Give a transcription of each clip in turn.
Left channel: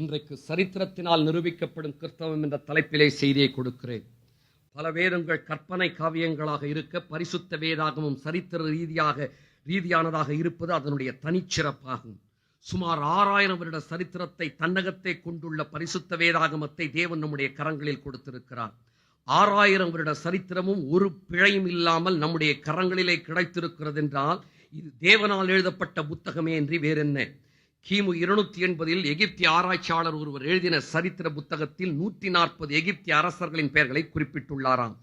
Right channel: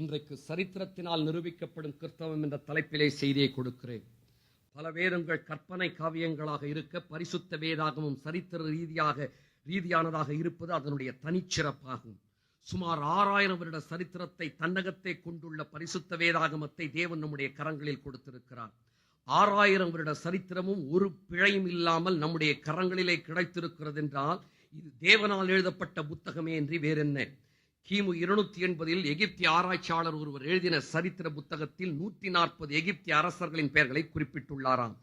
இன்றைக்கு சரித்திரத்தினால் நிரூபிக்கப்படும் கிறிஸ்தவம் என்ற தலைப்பிலே செய்தியை கொடுக்கிறேன். பல வேதங்கள் கற்பனை காவியங்களாக இருக்க, பரிசுத்த வேதாகமும் சரித்திர ரீதியானதாக இருப்பது அதனுடைய தனிச்சிறப்பாகும். சுமார் 6000 வருட சரித்திரத்தை தன்னகத்தை கொண்டுள்ள பரிசுத்த வேதாகமத்தை தேவன் நம்முடைய கரங்களில் கொடுத்திருக்கிறார். 6000 வருட சரித்திரமும் ஒரு பிழையும் இல்லாமல் நம்முடைய கரங்களிலே கிடைத்திருக்கிறது என்றால் இது தேவனால் எழுதப்பட்ட புத்தகமே என்று வேறென்ன. கிமு 280 எகிப்திய ஆராய்ச்சியாளர் ஒருவர் எழுதின சரித்திர புத்தகத்தில் 140 எகிப்திய அரசர்களின் பெயர்களை குறிப்பிட்டுள்ளாராம்.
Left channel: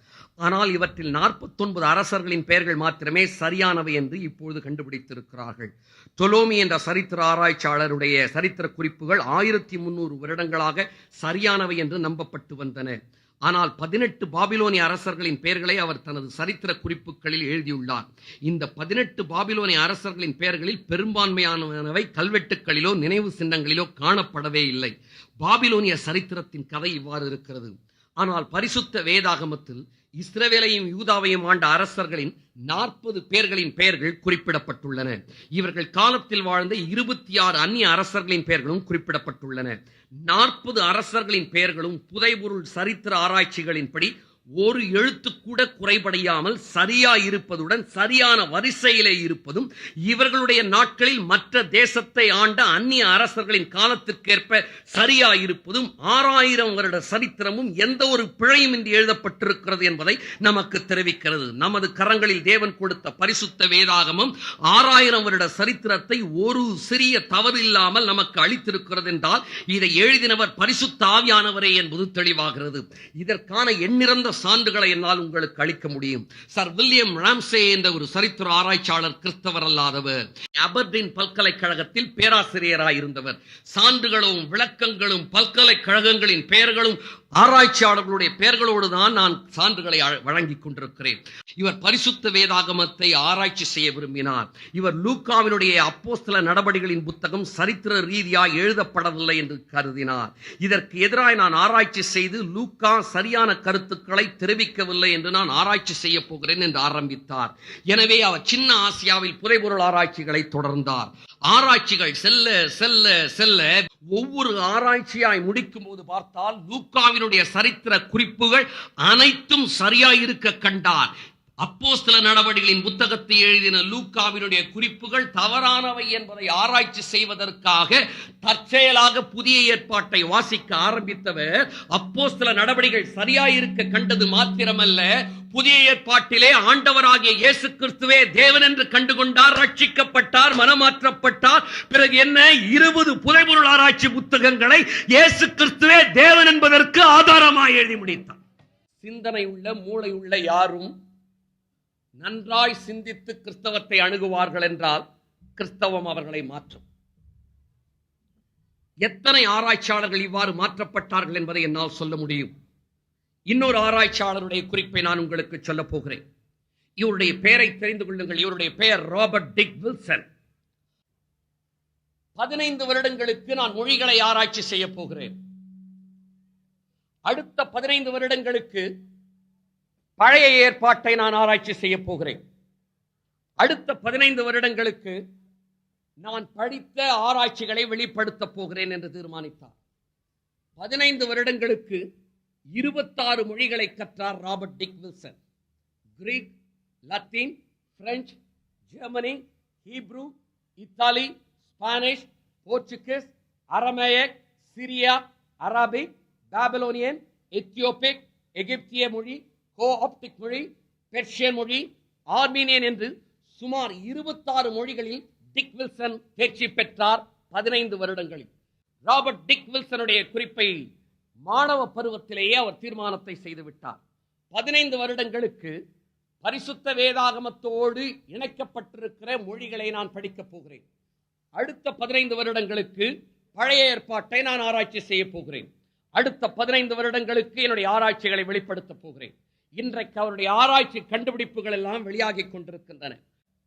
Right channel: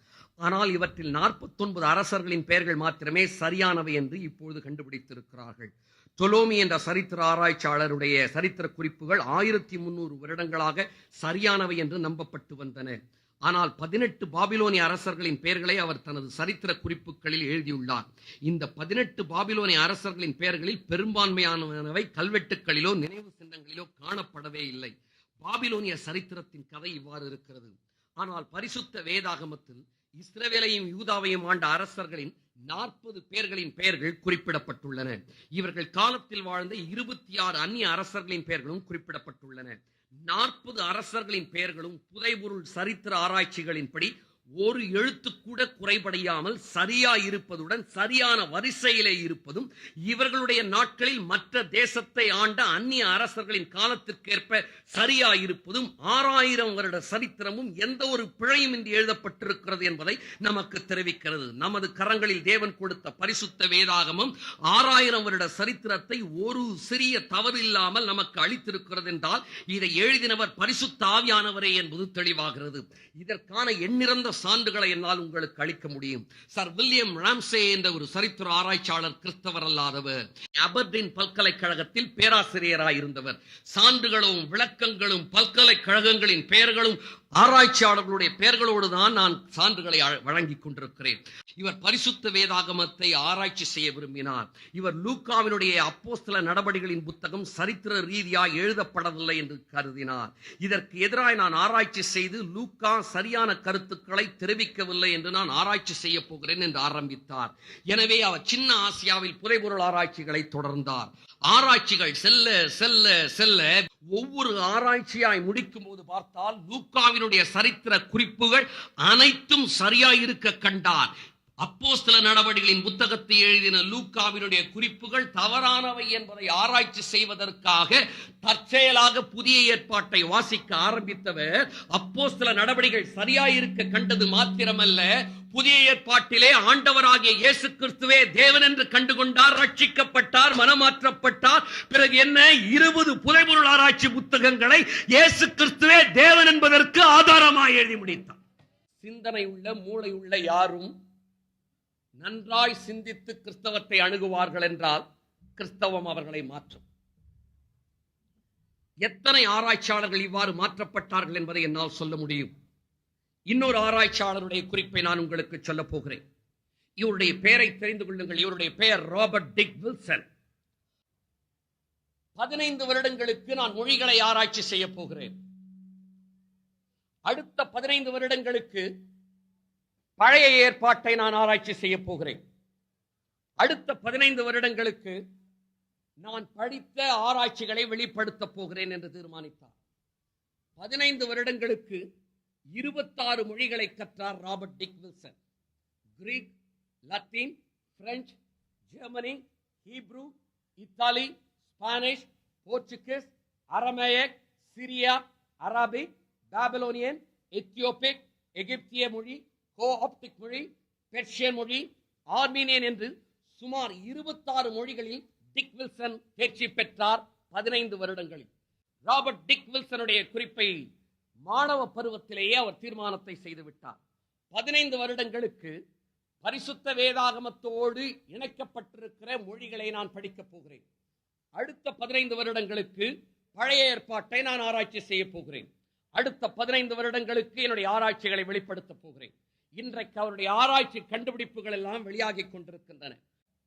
ஆனால் இவற்றில் 49 அரசர்களின் பெயர்கள் மாத்திரமே சரியானவை என்று இப்பொழுது கண்டுபிடித்திருக்கிறார்கள். தொலோமி என்ற சரித்திர ஆராய்ச்சியாளருடைய சரித்திர குறிப்புகள் 1300 வருடங்களாக சரியானவை என்று நம்பப்பட்டு வந்தன. ஆனால் 18 பாபிலோனிய அரசர்களின் பெயர்களை அவர் தனது சரித்திர குறிப்புகளில் எழுதியுள்ளார். இந்த 18 பாபிலோனிய அரசர்களின் பெயர்களில் பெரும்பான்மையானவை கல்வெட்டுகளிலோ நினைவு சின்னங்களிலோ காணப்படவே இல்லை. பாபிலோனிய சரித்திரத்தின் கதை இவ்வாறு இருக்கிறது. ஆனால் பரிசுத்த வேதாகமத்தில் இஸ்ரவேலையும் யூதாவையும் ஆண்ட அரசர்களின் 40 பேர்களின் பெயர்கள் குறிப்பிடப்பட்டுள்ளன. இவர்கள் காலத்தில் வாழ்ந்த 26 அந்நிய அரசர்களின் பெயர்களும் குறிப்பிடப்பட்டுள்ளன. 40 அரசர்களின் பெயர்களும் புதைபொருள் சரித்திர ஆராய்ச்சிகளின்படி ஒரு எழுத்து கூட குறைபடையாமல் சரியா இருப்பதுடன் சரியான வரிசையிலே இருப்பதும், இவர்களுடைய நாட்களில் மற்ற தேசத்தை ஆண்ட அந்நிய அரசர்களின் காலத்திற்கேற்ப சரியா இருப்பதும் 6000 வருட சரித்திரமும் எந்த ஒரு பிழையும் இன்றி எழுதப்பட்டிருக்கிறது என்பதை நமக்கு தெரிவிக்கிறது. நமது கரங்களில் தேவன் கொடுத்த பரிசுத்த வேதாகமம் 6000 வருட சரித்திரத்தை ஒரு சிறிய தவறு இல்லாமல் நமக்கு அளித்திருக்கிறது என்றால் இதை எழுதினவர் பரிசுத்த ஆவியானவரே என்பது தெளிவாகிறது. இதற்கான எண்ணிறந்த சான்றுகளை என்னால் உங்களுக்கு அளிக்க முடியும். சர் வில்லியம் ராம்சே என்ற ஒரு சரித்திர ஆராய்ச்சியாளர் கிறிஸ்தவர் அல்லாதவர். அபர்டீன் பல்கலைக்கழகத்தில் பேராசிரியராயிருந்தவர். சான்றுகளும் விளக்கங்களும் பல்கலைக்கழகங்களின் பெயர்களும் ஆராய்ச்சியாளர்களுடைய பெயர்களோடு தான் நான் சான்றுகளை வழங்கிக் கொண்டிருக்கிறேன். இவர் பரிசுத்த வேதாகமத்தை ஆராய்ச்சி செய்ய விரும்பினார். இவர் லூக்காவினுடைய அப்போஸ்தல நடபடிகளின் புத்தகம் சரித்திர ரீதியாக எழுதப்படவில்லை என்று கருதினார். இதற்கு எதிராக நான் ஆராய்ச்சி செய்து லூக்கா சரியான கருத்துக்களை தெரிவிக்கவில்லை என்று நான் ஆராய்ச்சி செய்ய போகிறேன் என்று ஆரம்பித்தார். எனவே அவர் சின்ன ஆசியாவில் புதைபொருள் ஆராய்ச்சிகளை தொடர்ந்தார். ஆராய்ச்சிகள் செல்ல செல்ல செல்ல ஒவ்வொரு ஆராய்ச்சியாய் முடிக்கும் போது பார்த்தால் லூக்காவினுடைய சரித்திர குறிப்புகள் அனைத்தும் சரியாயிருக்க கண்டார். அப்போஸ்தல நடவடிக்கைகளின் புத்தகத்தை எழுதின லூக்காவினுடைய குறிப்புகள் தவறானவை என்பதை ஆராய்ச்சி செய்வதற்காக தற்செயலாக புதிய ஏற்பாட்டை வாசிக்க ஆரம்பித்தவர் அப்போஸ்தல நடவடிக்கைகள் சரியாயிருக்க கண்டது மாத்திரமல்ல, புதிய ஏற்பாட்டிலே ஆண்டவராகிய இயேசு கிறிஸ்துவே தேவன் என்று கண்டுகொண்டார், ரட்சிக்கப்பட்டார், மனமாற்றப்பட்டார். பிறகு என்ன, 20 புதைபொருள் ஆராய்ச்சி புத்தகங்களை இயேசு கிறிஸ்துவே தேவன் என்பதற்கு ஆதாரமாக எழுதி முடித்தார். சிந்தனை உள்ள மூளை உள்ள யாரும் நன்றாய் சிந்தித்து கிறிஸ்தவத்தை அணுகுவார்கள் என்றால் கிறிஸ்தவம் அவர்களை மாற்றும். எத்தனை ஆராய்ச்சியாளர்கள் இவ்வாறு மாற்றப்பட்டார்கள் என்பதை என்னால் சொல்ல முடியும். இன்னொரு ஆராய்ச்சியாளருடைய குறிப்பை நான் உங்களுக்கு சொல்ல போகிறேன். இவருடைய பெயரை தெரிந்து கொள்ளுங்கள். இவருடைய பெயர் ராபர்ட் டிக் வில்சன். 15 வருடங்களுக்கு நான் மொழிகளை ஆராய்ச்சி செய்ய போகிறேன். அடுத்த 15 வருடங்களுக்கு பழைய ஏற்பாட்டை நான் ஆராய்ச்சி செய்ய போகிறேன். அடுத்த 15 வருடங்களுக்கு நான் படித்த ஆராய்ச்சிகளை வெளிப்படுத்த போகிறேன் என்று தீர்மானித்தார். 15 வருடங்களுக்கு 26 மொழிகளை கற்றார் Robert Dick Wilson. Greek, Latin, French, Germany, Hebrew, Italy, Spanish, Portuguese, Aramaic, Syria, Arabic, Babylonian, Ethiopic, எகிப்திய மொழி, கோஆப்டிக் மொழி, பெர்ஷியன் மொழி, ஆர்மீனியன் என்று சுமார் 26 மொழிகளில் டிக் வில்சன் தேர்ச்சி பெற்றார் 15 வருடங்களில். ராபர்ட் டிக் வில்சனுடைய குறிப்பை மாணவ பருவத்திலேயே அவர் தீர்மானத்தை செய்துவிட்டார். 15 வருடங்களுக்கு பரிசுத்த வேதாகமத்தோடு இணைக்கப்பட்டிருக்கிற மொழிகளை நான் படிக்கப் போகிறேன். அடுத்த 15 வருடங்களுக்கு பழைய ஏற்பாட்டை நான் ஆராய்ச்சி செய்ய போகிறேன். அடுத்த 15 வருடங்களுக்கு என்னுடைய ஆராய்ச்சிகளை வெளிப்படுத்த போகிறேன். இன்றைக்கு அவருடைய ஆராய்ச்சி கண்டுபிடிப்புகள் எல்லாம் வெளியாகி கொண்டிருக்கின்றன.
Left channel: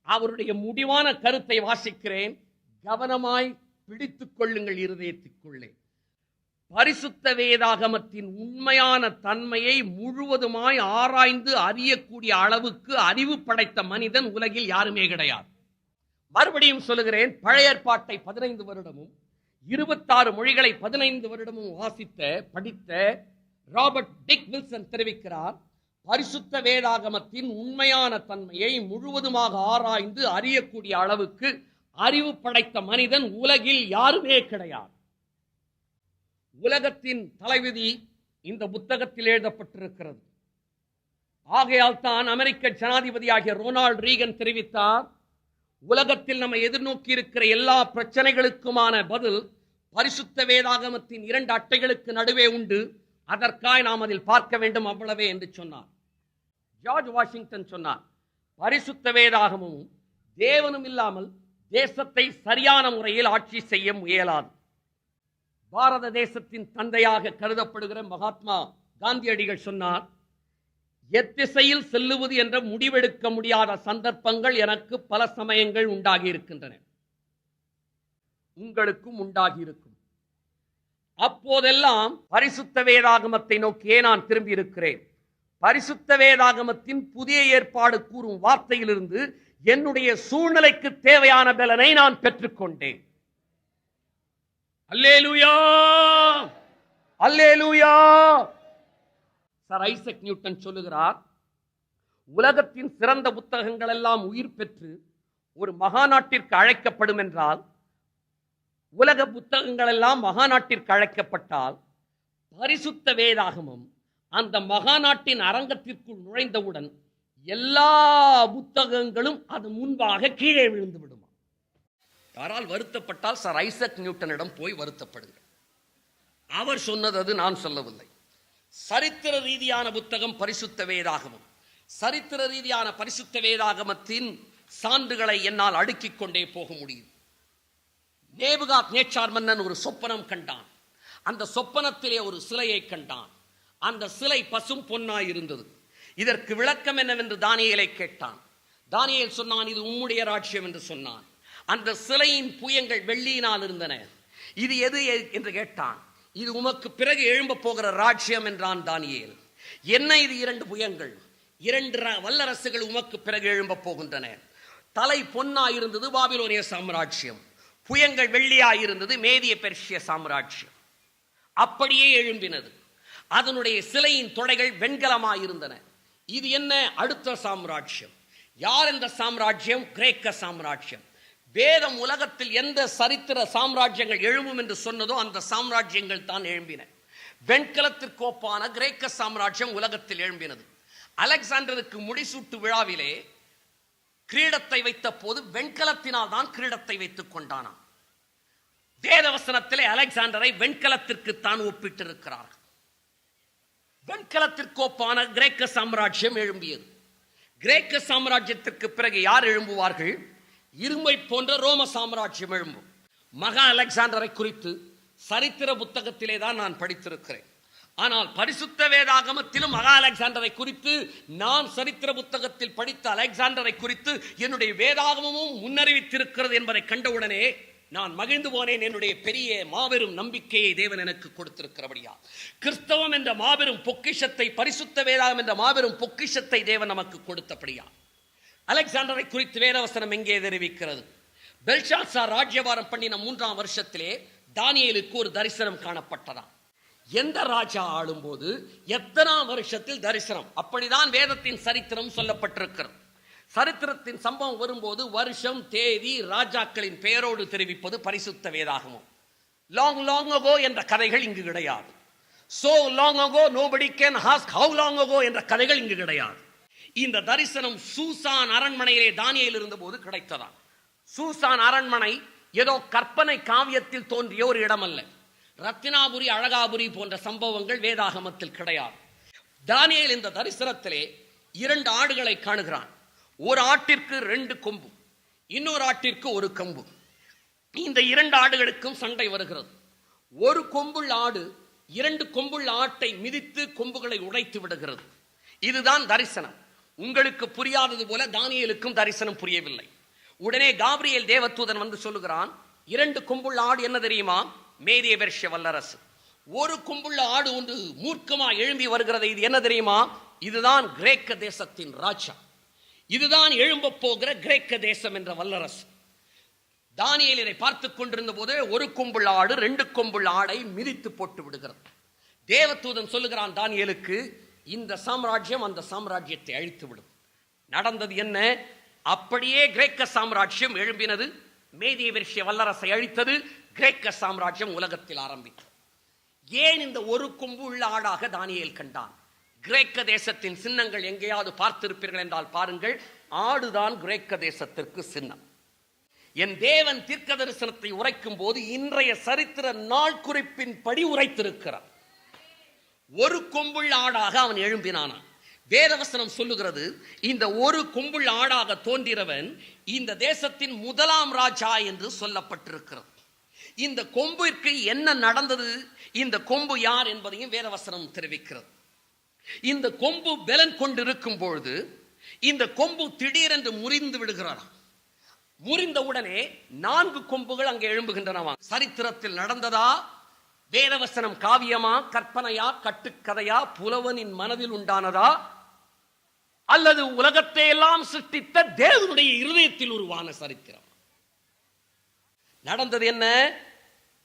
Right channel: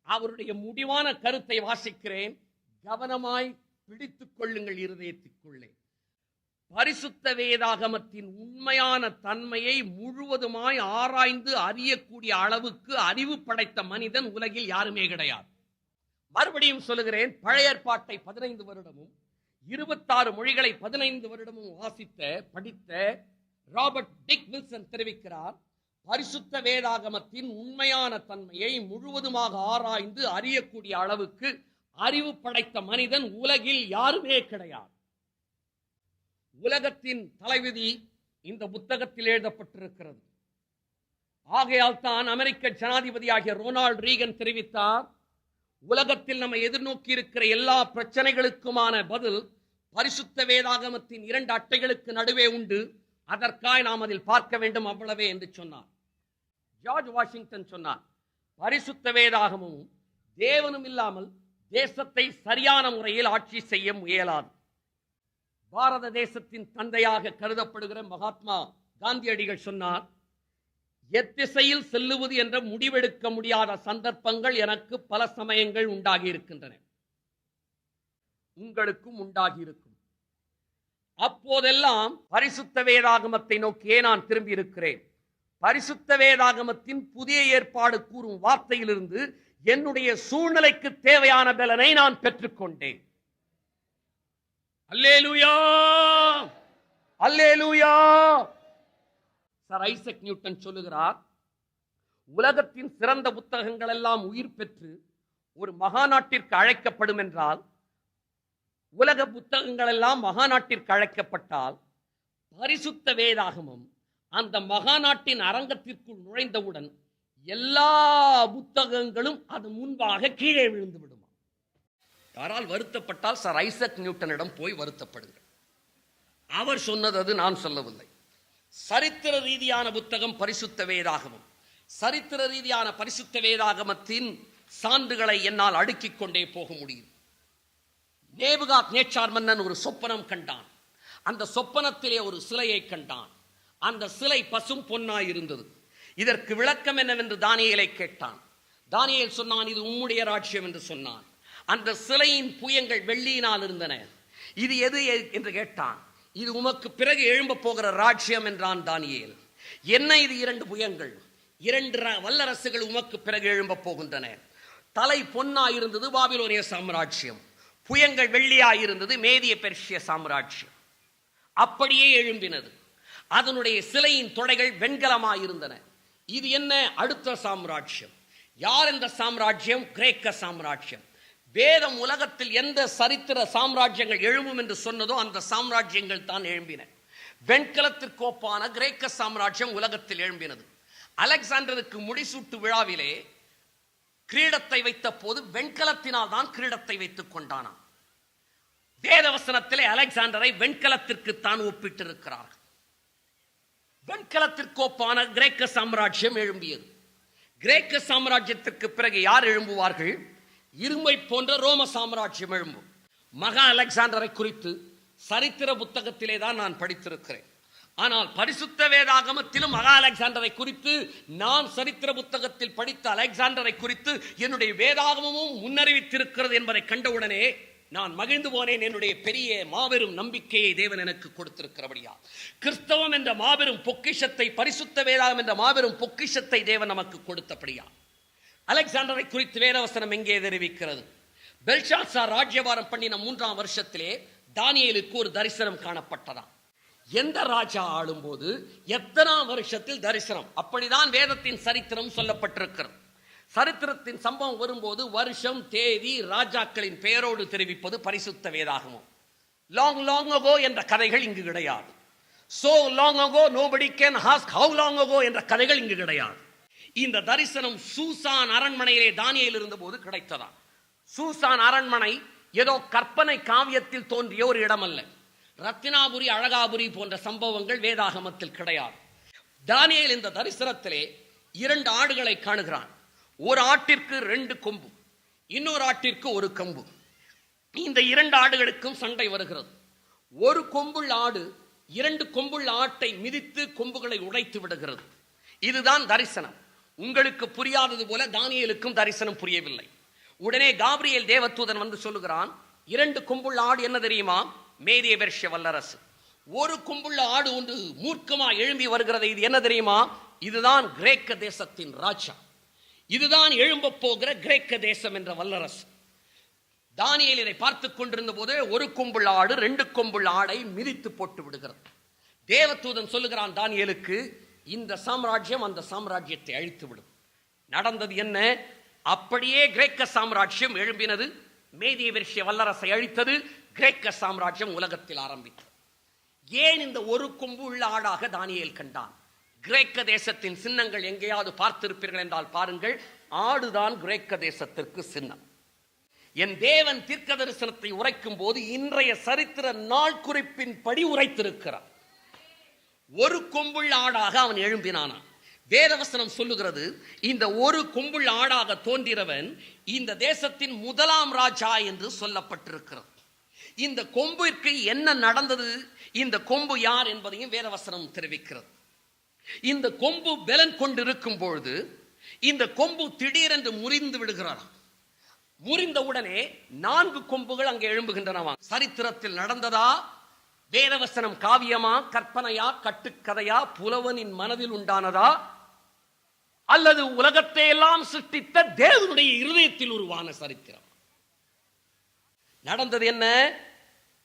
அவருடைய முடிவான கருத்தை வாசிக்கிறேன். கவனமாய் பிடித்துக் கொள்ளுங்கள் இருதயத்திற்குள்ளே. பரிசுத்த வேதாகமத்தின் உண்மையான தன்மையை முழுவதுமாய் ஆராய்ந்து அறியக்கூடிய அளவுக்கு அறிவு படைத்த மனிதன் உலகில் யாருமே கிடையாது. மறுபடியும் சொல்லுகிறேன், பழைய ஏற்பாட்டை 15 வருடமும் 26 மொழிகளை 15 வருடமும் படித்த ராபர்ட் டிக் வில்சன் தெரிவிக்கிறார், பரிசுத்த வேதாகமத்தின் உண்மையான தன்மையை முழுவதுமாக ஆராய்ந்து அறியக்கூடிய அளவுக்கு அறிவு படைத்த மனிதன் உலகில் யாருமே கிடையாது. உலகத்தின் தலைவிதி இந்த புத்தகத்தில் எழுதப்பட்டிருக்கிறது. ஆகையால் தான் அமெரிக்க ஜனாதிபதியாகிய ரொனால்ட் ரீகன் தெரிவித்தார், உலகத்தில் நம்ம எதிர்நோக்கி இருக்கிற எல்லா பிரச்சனைகளுக்குமான பதில் பரிசுத்த வேதாகமத்தின் 2 அட்டைகளுக்கு நடுவே உண்டு, அதற்காக நாம் அதில் பார்க்க வேண்டும், அவ்வளவே என்று சொன்னார். ஜார்ஜ் வாஷிங்டன் சொன்னார், பரிசுத்த வேதாகமும் தேவனும் இல்லாமல் தேசத்தை சரியான முறையில் ஆட்சி செய்ய முயலாது. பாரத தேசத்தின் தந்தையாக கருதப்படுகிற மகாத்மா காந்தியடிகள் சொன்னார், எத்திசையில் செல்லுவது என்ற முடிவெடுக்க முடியாத சந்தர்ப்பங்கள் எனக்கு பல சமயங்கள் உண்டாகி இருக்கின்றன, உங்களுக்கும் உண்டாகி இருக்கும். அப்போதெல்லாம் பரிசுத்த வேதாகமத்தை நோக்கியே நான் திரும்பி இருக்கிறேன். பரிசுத்த வேதாகமத்தின் புதிய ஏற்பாடு கூறும் வார்த்தையிலிருந்து என்னுடைய சூழ்நிலைக்கு தேவையான பலனை நான் பெற்றுக்கொண்டேன். அல்லேலூயா, அல்லேலூயா. சர் ஐசக் நியூட்டன் சொல்லுகிறார், உலகத்தின் சிறந்த புத்தகங்கள் எல்லாம் உயிர் பெற்று ஒரு மகாநாட்டிற்கு அழைக்கப்படும் என்றால், உலக புத்தகங்கள் எல்லாம் மகாநாட்டிற்கு அழைக்கப்பட்டால், பரிசுத்த வேதாகமம் அந்த மகாநாட்டின் அரங்கத்திற்குள் நுழைந்தவுடன் எல்லா புத்தகங்களும் அது முன்பாக கீழே விழுந்து விடுமா. யாரால் வருத்தப்பட்டால் சர் ஐசக் நியூட்டனிடம் போய் வருத்தப்படுகிறார். அவர் சொன்னது அது, நான் சொல்லவில்லை. சரித்திர ரீதியான புத்தகம் பரிசுத்த வேதாகமம். சரித்திர ரீதியான பரிசுத்த வேதாகமத்தின் சான்றுகளை என்னால் அடுக்கிக் கொண்டே போக முடியும். நேபுகாத் நேச்சார் மன்னன் ஒரு சொப்பனம் கண்டான். அந்த சொப்பனத்திலே ஒரு சிலையை கண்டான். அந்த சிலை பசும் பொன்னாய் இருந்தது. இதற்கு விளக்கம் என்னவென்று தானியேலை கேட்டான். தானியேல் சொன்னான், இது உம்முடைய ராஜ்யம் என்று சொன்னான். அந்த சிலையின் புயங்கள் வெள்ளியினால் இருந்தன. இது எது என்று கேட்டான். இது உமக்கு பிறகு எழும்ப போகிற ராஜ்யம் என்றான் தானியேல். என்ன இது 2 புயங்கள்? 2 வல்லரசுகள் உமக்கு பிறகு எழும்ப போகின்றன. தலை பொன்னாய் இருந்தது பாபிலோனிய சாம்ராஜ்யம், புயங்கள் வெள்ளியாய் இருந்தது மேதிய பெர்சிய சாம்ராஜ்யம். அப்படியே எழும்பினது. அதனுடைய சிலையின் தொடைகள் வெண்கலமாயிருந்தன. இது என்ன? அடுத்த சாம்ராஜ்யம். யார் இந்த சாம்ராஜ்யம்? கிரேக்க சாம்ராஜ்யம். வேதம் உலகத்தில் எந்த சரித்திர சாம்ராஜ்யங்கள் எழும்பும் என்று சொன்னதோ அந்த சாம்ராஜ்யங்கள் தான் எழும்பின. வெண்கலத்திற்கு ஒப்பான கிரேக்க சாம்ராஜ்யம் உலகத்தில் எழும்பினது. அலெக்சாண்டருக்கு முடிசூட்டு விழாவிலே கிரீடத்தை வைத்த போது வெண்கலத்தினால் தான் கிரீடத்தை வைத்துக் கொண்டானாம். வேதவசனத்திலே அலெக்சாண்டரை வெண்கலத்திற்கு தான் ஒப்பிட்டிருக்கிறார்கள். வெண்கலத்திற்கு ஒப்பான கிரேக்க சாம்ராஜ்யம் எழும்பியது. கிரேக்க சாம்ராஜ்யத்திற்கு பிறகு யார் எழும்புவார்கள்? இரும்பை போன்ற ரோம சாம்ராஜ்யம் எழும்பும். மகா அலெக்சாண்டரை குறித்து சரித்திர புத்தகத்திலே தான் நான் படித்திருக்கிறேன். ஆனால் பரிசுத்த வேதாகமத்திலும் மகா அலெக்சாண்டரை குறித்து, நான் சரித்திர புத்தகத்தில் படித்த அலெக்சாண்டரை குறித்து என்னுடைய வேதாகமும் முன்னறிவித்திருக்கிறது என்பதை கண்டவுடனே நான் மகிழ்ந்து போனேன். என்னுடைய பெரிய மாபெரும் நம்பிக்கையை தேவன் எனக்கு கொடுத்திருக்கிறபடியா, கிறிஸ்தவம் என்ற மாபெரும் பொக்கிஷத்தை, பரிசுத்த வேதாகம் என்ற மாபெரும் பொக்கிஷத்தை தேவன் நமக்கு கொடுத்தபடியா. அலெக்சாண்டரை குறித்து வேதவசனம் எங்கே தெரிவிக்கிறது? பெல்ஷாத்சார் ராஜ்யபாரம் பண்ணின 3ஆம் வருஷத்திலே தானியேலுக்கு ஒரு தரிசனம் காணப்பட்டதாம். எந்த ராஜா ஆளும் போது எத்தனாம் வருஷத்தில் தரிசனம், அப்படிதான் வேதத்தின் சரித்திரம் சொல்லப்பட்டிருக்கிறது. சரித்திரத்தின் சம்பவம் வரும்போது வருஷம், தேதி, ராஜாக்களின் பெயரோடு தெரிவிப்பது பரிசுத்த வேதாகமம். லாங் லாங் அகோ என்ற கதைகள் இங்கு கிடையாது. So long ago nobody can ask how long ago என்ற கதைகள் இங்கு கிடையாது. இந்த தரிசனம் சூசான் அரண்மனையிலே தானியேல் இருந்தபோது கிடைத்ததா. சூசான் அரண்மனை ஏதோ கற்பனை காவியத்தில் தோன்றிய ஒரு இடம் அல்ல. ரத்தினாபுரி, அழகாபுரி போன்ற சம்பவங்கள் வேதாகமத்தில் கிடையாது. தானியேல் இந்த தரிசனத்திலே 2 ஆடுகளை காணுகிறான். ஒரு ஆட்டிற்கு 2 கொம்பு, இன்னொரு ஆட்டிற்கு 1 கொம்பு. இந்த 2 ஆடுகளுக்கும் சண்டை வருகிறது. ஒரு கொம்புள்ள ஆடு 2 கொம்புள்ள ஆட்டை மிதித்து கொம்புகளை உடைத்து விடுகிறது. இதுதான் தரிசனம். உங்களுக்கு புரியாதது போல தானியேலுக்கும் தரிசனம் புரியவில்லை. உடனே காபிரியேல் தேவதூதன் வந்து சொல்லுகிறான், 2 கொம்புள்ள ஆடு என்ன தெரியுமா? மேதிய பெர்சிய வல்லரசு. 1 கொம்புள்ள ஆடு ஒன்று மூர்க்கமா எழும்பி வருகிறது. இது என்ன தெரியுமா? இதுதான் கிரேக்க தேசத்தின் ராஜா. இதுதான் எழும்ப போகிற கிரேக்க தேசம் என்ற வல்லரசு. தானியேல் இதை பார்த்துக் கொண்டிருந்த போது ஒரு கொம்புள்ள ஆடு 2 கொம்புள்ள ஆடை மிதித்து போட்டு விடுகிறது. தேவதூதன் சொல்லுகிறான் தானியேலுக்கு, இந்த சாம்ராஜ்யம் அந்த சாம்ராஜ்யத்தை அழித்து விடும். நடந்தது என்ன? அப்படியே கிரேக்க சாம்ராஜ்யம் எழும்பினது. மேதிய பெர்சிய வல்லரசை அழித்தது. கிரேக்க சாம்ராஜ்யம் உலகத்தில் ஆரம்பித்தது. ஏன் இந்த ஒரு கொம்பு உள்ள ஆடாக தானியேல் கண்டான்? கிரேக்க தேசத்தின் சின்னங்கள் எங்கேயாவது பார்த்திருப்பீர்கள் என்றால் பாருங்கள், ஆடுதான் கிரேக்க தேசத்திற்கு சின்னம். என் தேவன் தீர்க்க தரிசனத்தை உரைக்கும் போது இன்றைய சரித்திர நாள் குறிப்பின் படி உரைத்திருக்கிறார். ஒரு கொம்புள்ள ஆடாக அவன் எழும்பினானான். வேதவசனம் சொல்லுகிறது, இந்த ஒரு கொம்புள்ள ஆடாக தோன்றினவன் இந்த தேசத்தின் முதலாம் ராஜா என்று சொல்லப்பட்டிருக்கிறது. இந்த கொம்பிற்கு என்ன நடந்தது, இந்த கொம்பு யார் என்பதையும் வேதவசனம் தெரிவிக்கிறது. இந்த கொம்பு பலன் கொண்டிருக்கும் பொழுது இந்த கொம்பு திடீரென்று முறிந்து விடுகிறான். முறிந்தவுடனே 4 கொம்புகள் அங்கே எழும்புகின்றனவா. சரித்திரத்தில் நடந்ததா? வேதவசனம் காவியமா, கற்பனையா, கட்டுக்கதையா, புலவனின் மனதில் உண்டானதா, அல்லது உலகத்தை எல்லாம் சிருஷ்டித்த தேவனுடைய இருதயத்தில் உருவான சரித்திரம்? நடந்தது என்ன?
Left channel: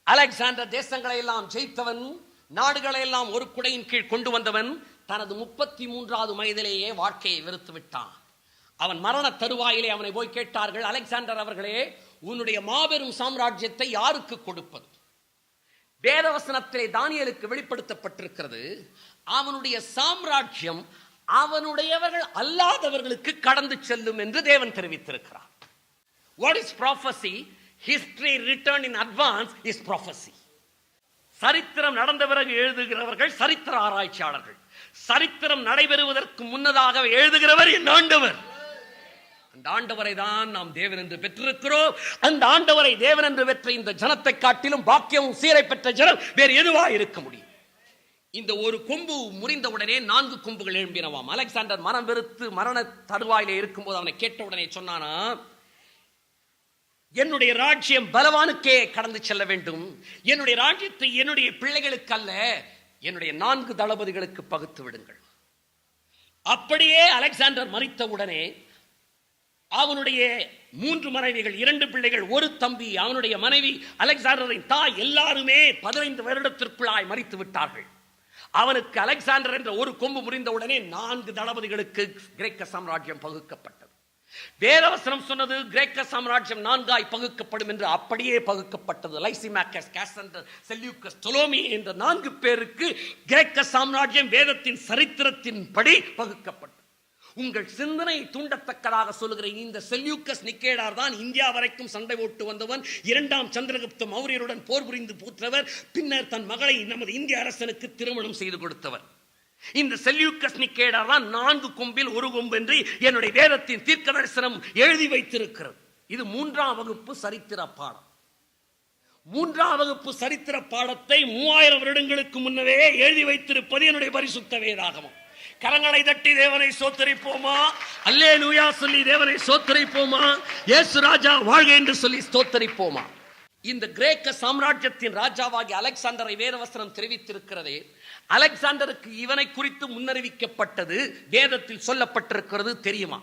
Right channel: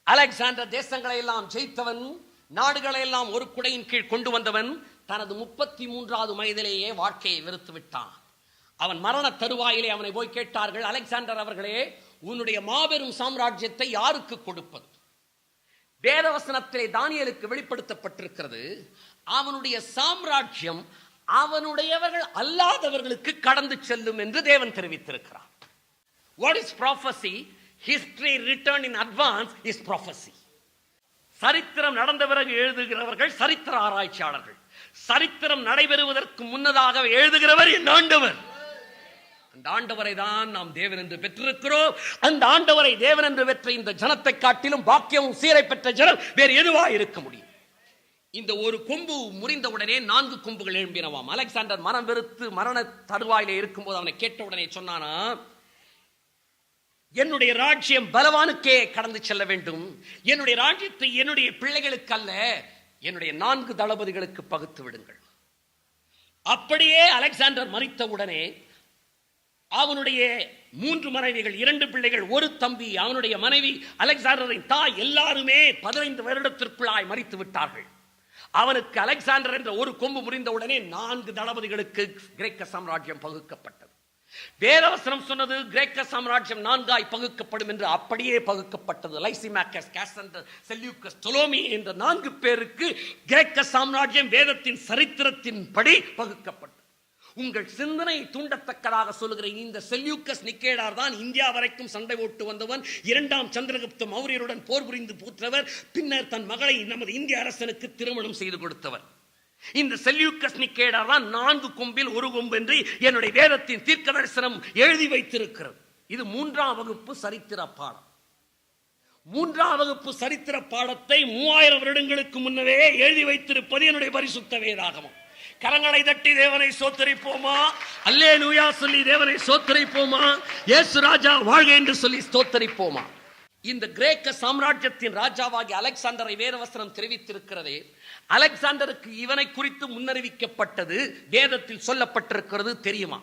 அலெக்சாண்டர் தேசங்களை எல்லாம் ஜெயித்தவன், நாடுகளை எல்லாம் ஒரு குடையின் கீழ் கொண்டு வந்தவன் தனது 33வது வயதிலேயே வாழ்க்கையை வெறுத்து விட்டான். அவன் மரண தருவாயிலே அவனை போய் கேட்டார்கள், அலெக்சாண்டர் அவர்களே, உன்னுடைய மாபெரும் சாம்ராஜ்யத்தை யாருக்கு கொடுப்பது? வேதவசனத்திலே தானியேலுக்கு வெளிப்படுத்தப்பட்டிருக்கிறது, அவனுடைய சாம்ராஜ்யம் அவனுடையவர்கள் அல்லாதவர்களுக்கு கடந்து செல்லும் என்று தேவன் தெரிவித்திருக்கிறார். What is prophecy? History written in advance is prophecy. சரித்திரம் நடந்த பிறகு எழுதுகிறவர்கள் சரித்திர ஆராய்ச்சியாளர்கள். சரித்திரம் நடைபெறுவதற்கு முன்னதாக எழுதுகிறவர் என் ஆண்டவர். அந்த ஆண்டவரை தான் நாம் தேவன் என்று பெற்றிருக்கிறோம். அந்த ஆண்டவரை தேவன் என்று பெற்ற இந்த ஜனத்தை காட்டிலும் பாக்கியமும் சீரை பெற்ற ஜனம் வேறு எதுவா இருக்க முடியும்? இந்த ஒரு கொம்பு முறிந்தவுடனே 4 கொம்புகள் எழும்பினவாம். அலெக்சாண்டர் மனம் வெறுத்து மரண தருவாயிலே இருக்கும்போது அவனை கேட்ட உடனே சொன்னானா, என்னுடைய ராஜ்யம் பலவானுக்கே கடந்து செல்ல வேண்டும். என்னுடைய ராஜ்யத்தை என்னுடைய பிள்ளைகளுக்கு அல்ல, என்னுடைய 4 தளபதிகளுக்கு பகுத்து விடுங்கள். அப்படியே அலெக்சாண்டர் மரித்தவுடனே அவனுடைய 3 மனைவிகள், 2 பிள்ளைகள், 1 தம்பி, அவனுடைய மனைவி, அலெக்சாண்டரின் தாய் எல்லாருமே 15 வருடத்திற்குள்ளாய் மரித்து விட்டார்கள். அவனுக்கு அலெக்சாண்டர் என்ற ஒரு கொம்பு முறிந்தவுடனே 4 தளபதிகளுக்கு கிரேக்க சாம்ராஜ்யம் பகுக்கப்பட்டது. வேதவசனம் சொன்னது கிரேக்க சாம்ராஜ்யம் 4ஆய் பகுக்கப்படும் என்று. அப்படியே பகுக்கப்பட்டது. லைசிமாக்கஸ், காசண்டர், செல்யூக்கஸ், டொலோமி என்ற 4 பேருக்கு கிரேக்க சாம்ராஜ்யம் வேதத்தின் சரித்திரத்தின் படி பகுக்கப்பட்டது. உங்கள் சிந்தனை தூண்டத்தக்கதாக சொல்லுகிற இந்த செல்யூக்கஸ் நிக்கேடார் தான் இந்தியா வரைக்கும் சண்டை ஓட்டு வந்தவன். 2ஆம் சந்திரகுப்த மௌரியருடன் போர் புரிந்து பூற்றவர். பின்னர் தன் மகளை நமது இந்திய அரசனுக்கு திருமணம் செய்து கொடுத்தவர். இந்த செல்யூக்கஸ் நிக்கேடார் தான் 4 கொம்பில் 1 கொம்பு என்று என்னுடைய வேதத்தின் தீர்க்க தரிசனம் எழுதி வைத்திருக்கிறது. இது 3ஆம் வகுப்பு சரித்திர பாடம். 3ஆம் வகுப்பு சரித்திர பாடத்தை 3000 வருடங்களுக்கு முன்னரே எழுதி வைத்திருப்பது என்னுடைய பரிசுத்த வேதாகமம். கரங்களை தட்டி தேவனை சோத்தரிப்போமா? அல்லேலூயா சொல்லி தேவனை சோத்தரிப்போமா? இயேசு ராஜா வாழ்க என்று சொல்லி ஸ்தோத்தரிப்போமா? இந்த கிரேக்க சாம்ராஜ்யத்தின் ராஜாவாகி அலெக்சாண்டரை வேதவசனம் தெரிவித்திருக்கிறதே, அலெக்சாண்டருக்கு இவனை குறித்து முன்னறிவிக்கப்பட்டது வேதத்தில் சொல்லப்பட்டிருக்கிறது தெரியுமா?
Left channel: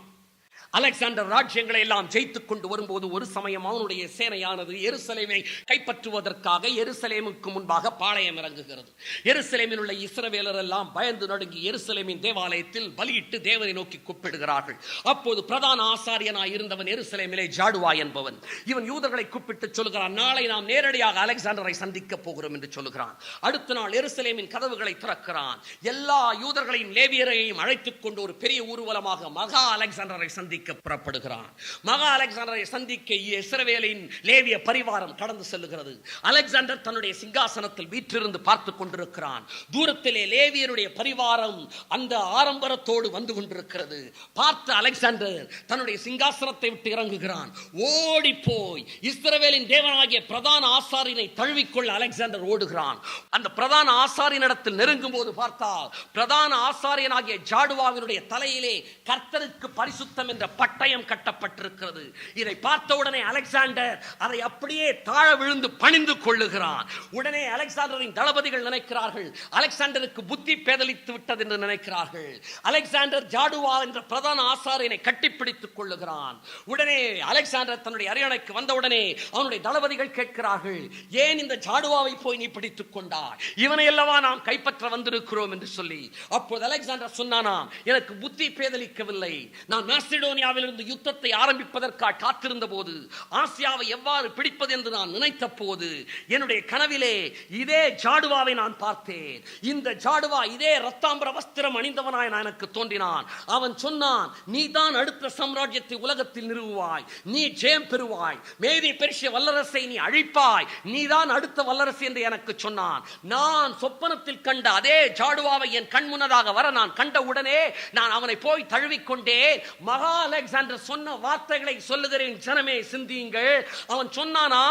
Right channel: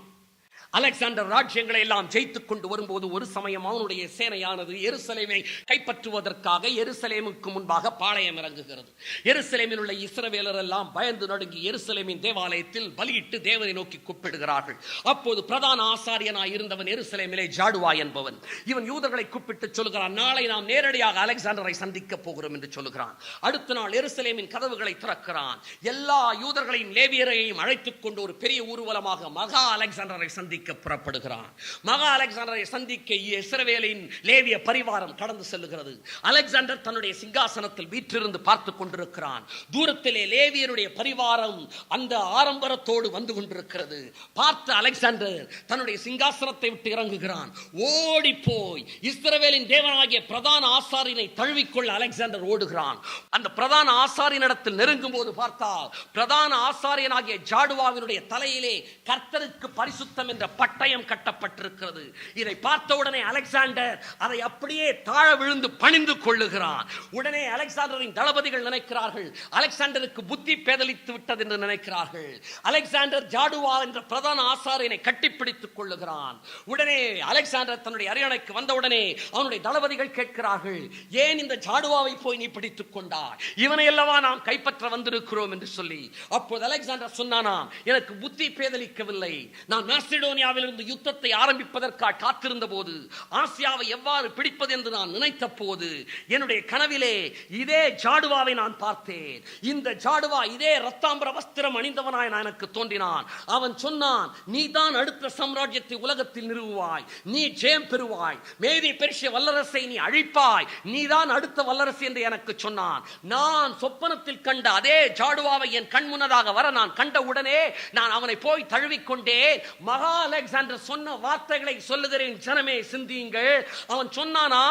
அலெக்சாண்டர் ராஜ்யங்களை எல்லாம் ஜெயித்துக் கொண்டு வரும்போது ஒரு சமயம் அவனுடைய சேனையானது எருசலேமை கைப்பற்றுவதற்காக எருசலேமுக்கு முன்பாக பாளையம் இறங்குகிறது. எருசலேமில் உள்ள இஸ்ரவேலர் எல்லாம் பயந்து நடுங்கி எருசலேமின் தேவாலயத்தில் பலியிட்டு தேவனை நோக்கி கூப்பிடுகிறார்கள். அப்போது பிரதான ஆசாரியனாய் இருந்தவன் எருசலேமிலே ஜாடுவா என்பவன். இவன் யூதர்களை கூப்பிட்டு சொல்லுகிறான், நாளை நாம் நேரடியாக அலெக்சாண்டரை சந்திக்க போகிறோம் என்று சொல்லுகிறான். அடுத்த நாள் எருசலேமின் கதவுகளை திறக்கிறான். எல்லா யூதர்களையும் லேவியரையும் அழைத்துக் கொண்டு ஒரு பெரிய ஊர்வலமாக மகா அலெக்சாண்டரை சந்திக்க புறப்படுகிறான். மகா அலெக்சாண்டரை சந்திக்க இஸ்ரவேலின் லேவிய பரிவாரம் கடந்து செல்லுகிறது. அலெக்சாண்டர் தன்னுடைய சிங்காசனத்தில் வீற்றிருந்து பார்த்துக் கொண்டிருக்கிறான். தூரத்திலே லேவியருடைய பரிவாரம் அந்த ஆரம்பரத்தோடு வந்து கொண்டிருக்கிறது. பார்த்த அலெக்சாண்டர் தன்னுடைய சிங்காசனத்தை விட்டு இறங்குகிறான். ஓடி போய் இஸ்ரவேலின் தேவனாகிய பிரதான ஆசாரியனை தழுவிக்கொள்ள அலெக்சாண்டர் ஓடுகிறான். அந்த பிரதான ஆசாரியனிடத்தில் நெருங்கும் போது பார்த்தால் பிரதான ஆசாரியனாகிய ஜாடுவாவினுடைய தலையிலே கர்த்தருக்கு பரிசுத்தம் என்ற பட்டயம் கட்டப்பட்டிருக்கிறது. இதை பார்த்தவுடனே அலெக்சாண்டர் அதை அப்படியே தாழ விழுந்து பணிந்து கொள்ளுகிறான். உடனே அலெக்சாண்டரின் தளபதிகள் நினைக்கிறார்கள், அலெக்சாண்டருக்கு புத்தி பேதலித்து விட்டது என்று நினைக்கிறார்கள். அலெக்சாண்டர் ஜாடுவா என்ற பிரதான ஆசாரியனை கட்டிப்பிடித்துக் கொள்ளுகிறான். உடனே அலெக்சாண்டர் தன்னுடைய அரியணைக்கு வந்தவுடனே அவனுடைய தளபதிகள் கேட்கிறார்கள், ஏன் இந்த ஜாடுவாவை போய் நீ பிடித்துக் கொண்டார்? இவனை அல்லவா நாம் கைப்பற்ற வந்திருக்கிறோம் என்று சொல்லி. அப்போது அலெக்சாண்டர் சொன்னானா, எனக்கு புத்தி பேதலிக்கவில்லை. நான் மாசிடோனியாவிலிருந்து யுத்தத்தை ஆரம்பிப்பதற்காக காத்திருந்த போது, ஆசியாவை எவ்வாறு பிடிப்பது என்று நான் நினைத்த போது, என்னுடைய கனவிலே இதே ஜாடுவாவை நான் பார்த்தேன். இந்த ஜாடுவா இதே ரத்தாம்பர வஸ்திரம் அணிந்தவனாய் எனக்கு தோன்றினான். அவன் சொன்னான், நீ தான் அடுத்த சாம்ராஜ்யத்தை உலகத்தில் நிறுவுவாய், நீ ஜெயம் பெறுவாய், மேதி பெருசிய வல்லரசை நீ அழிப்பாய், நீ தான் அடுத்த வல்லரசு என்று எனக்கு சொன்னான். நான் சொப்பனத்தில் கண்ட அதே ஜாடுவாவை என் கண் முன்னதாக வர நான் கண்ட உடனே நான் அவனை போய் தழுவிக்கொண்டே, மகா அலெக்சாண்டர் சொன்ன வார்த்தைகளை சொல்லுகிறேன், ஜனமே சிந்தியுங்கள். அவன் சொன்னானா,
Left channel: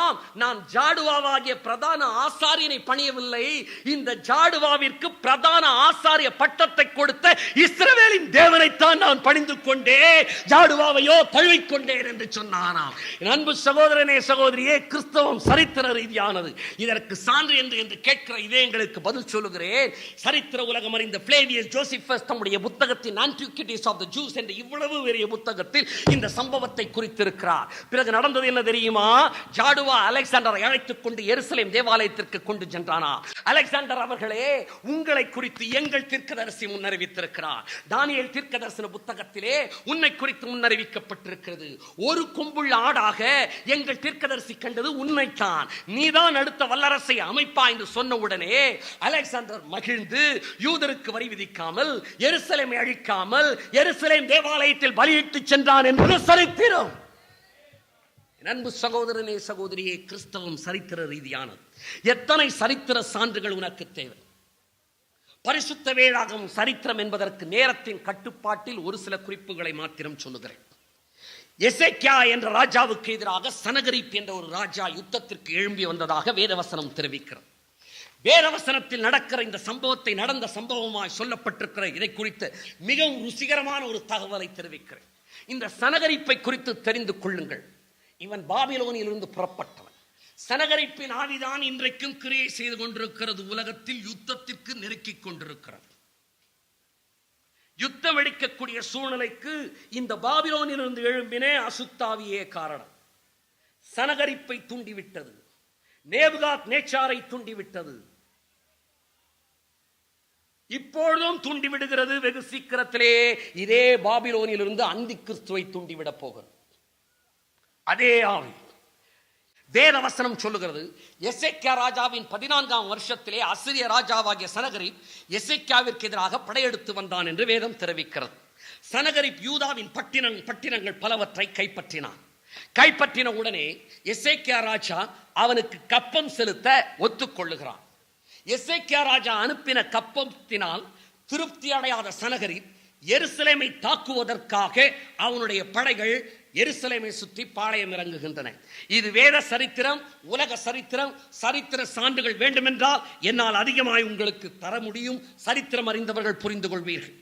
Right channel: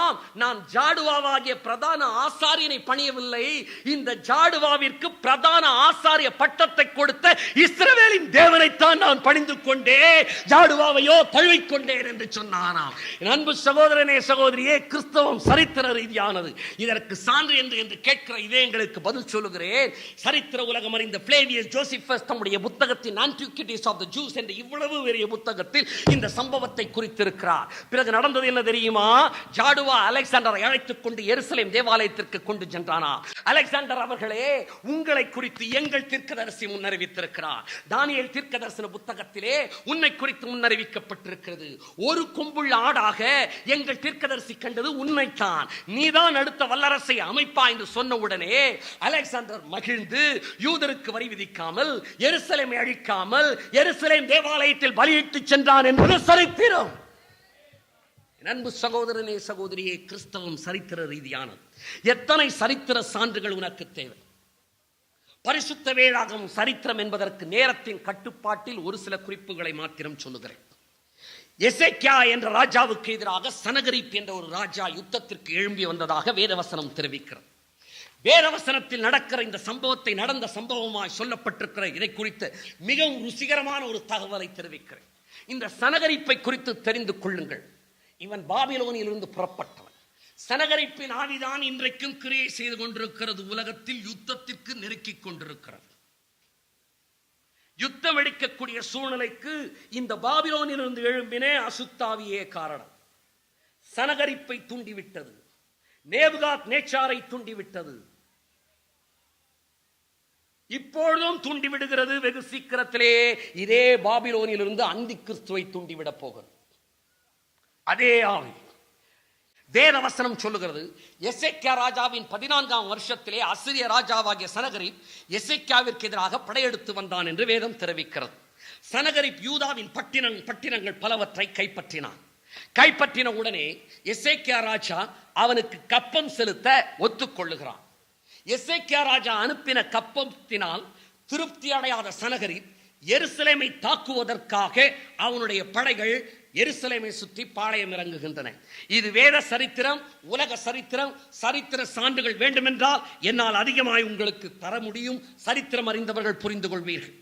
நான் ஜாடுவாவாகிய பிரதான ஆசாரியனை பணியவில்லை, இந்த ஜாடுவாவிற்கு பிரதான ஆசாரிய பட்டத்தை கொடுத்த இஸ்ரவேலின் தேவனைத்தான் நான் பணிந்து கொண்டே, ஜாடுவாவையோ தழுவிக்கொண்டேன் என்று சொன்னானாம். அன்பு சகோதரனே சகோதரியே, கிறிஸ்தவம் சரித்திர ரீதியானது. இதற்கு சான்று என்று கேட்கிற இதயங்களுக்கு பதில் சொல்லுகிறேன். சரித்திர உலகம் அறிந்த பிளேவியஸ் ஜோசிபஸ் தம்முடைய புத்தகத்தின் ஆன்டிக்விட்டிஸ் ஆஃப் தி ஜூஸ் என்ற இவ்வளவு பெரிய புத்தகத்தில் இந்த சம்பவத்தை குறித்திருக்கிறார். பிறகு நடந்தது என்ன தெரியுமா? ஜாடுவா அலெக்சாண்டரை அழைத்துக் கொண்டு எருசலேம் தேவாலயத்திற்கு கொண்டு சென்றானா. அலெக்சாண்டர் அவர்களே, உங்களை குறித்து எங்கள் தீர்க்கதரிசி முன்னறிவித்திருக்கிறார். தானியேல் தீர்க்கதரிசன புத்தகத்திலே உன்னை குறித்து முன்னறிவிக்கப்பட்டிருக்கிறது. ஒரு கொம்புள்ள ஆடாக எங்கள் தீர்க்கதரிசி கண்டது உண்மைதான், நீதான் அடுத்த வல்லரசை அமைப்பா என்று சொன்ன உடனே அலெக்சாண்டர் மகிழ்ந்து யூதருக்கு வரி விதிக்காமல், எருசலேமை அழிக்காமல், எருசலேம் தேவாலயத்தில் பலியிட்டு சென்றான் என்பது சரித்திரம். அன்பு சகோதரனே சகோதரியே, கிறிஸ்தவம் சரித்திர ரீதியானது. எத்தனை சரித்திர சான்றுகள் உனக்கு தேவை? பரிசுத்த வேதாகமம் சரித்திரம் என்பதற்கு நேரத்தின் கட்டுப்பாட்டில் ஒரு சில குறிப்புகளை மாத்திரம் சொல்லுகிறேன். எசேக்கியா என்ற ராஜாவுக்கு எதிராக சனகரிப் என்ற ஒரு ராஜா யுத்தத்திற்கு எழும்பி வந்ததாக வேதவசனம் தெரிவிக்கிறது. வேதவசனத்தில் நடக்கிற இந்த சம்பவத்தை நடந்த சம்பவமாய் சொல்லப்பட்டிருக்கிற இதை குறித்து மிகவும் ருசிகரமான ஒரு தகவலை தெரிவிக்கிறேன். இந்த சனகரிப்பை குறித்து தெரிந்து கொள்ளுங்கள். இவன் பாபிலோனில் இருந்து புறப்பட்டவன். சனகரிப்பின் ஆவிதான் இன்றைக்கும் கிரியை செய்து கொண்டிருக்கிறது. உலகத்தில் யுத்தத்திற்கு நெருக்கிக் கொண்டிருக்கிறது. யுத்தம் வெடிக்கக்கூடிய சூழ்நிலைக்கு இந்த பாபிலோனில் இருந்து எழும்பினே அசுத்தாவியே காரணம். சனகரிப்பை தூண்டிவிட்டது, நேபுகாத் நேச்சாரை தூண்டிவிட்டது, இப்பொழுதும் தூண்டிவிடுகிறது. வெகு சீக்கிரத்திலே இதே பாபிலோனில் இருந்து அந்தி கிறிஸ்துவை தூண்டிவிடப் போகிறது. அதே ஆவி. வேதவசனம் சொல்லுகிறது, எசேக்கியா ராஜாவின் 14ஆம் வருஷத்திலே அசிரிய ராஜாவாகிய சனகரிப் எசேக்கியாவிற்கு எதிராக படையெடுத்து வந்தான் என்று வேதம் தெரிவிக்கிறது. சனகரிப் யூதாவின் பட்டினங்கள் பலவற்றை கைப்பற்றினான். கைப்பற்றின உடனே எசேக்கியா ராஜா அவனுக்கு கப்பம் செலுத்த ஒத்துக்கொள்ளுகிறான். எசேக்கியா ராஜா அனுப்பின கப்பத்தினால் திருப்தி அடையாத சனகரிப் எருசலேமை தாக்குவதற்காக அவனுடைய படைகள் எருசலேமை சுற்றி பாளையம் இறங்குகின்றன. இது வேத சரித்திரம், உலக சரித்திரம். சரித்திர சான்றுகள் வேண்டுமென்றால் என்னால் அதிகமாய் உங்களுக்கு தர முடியும். சரித்திரம் அறிந்தவர்கள் புரிந்து கொள்வீர்கள்.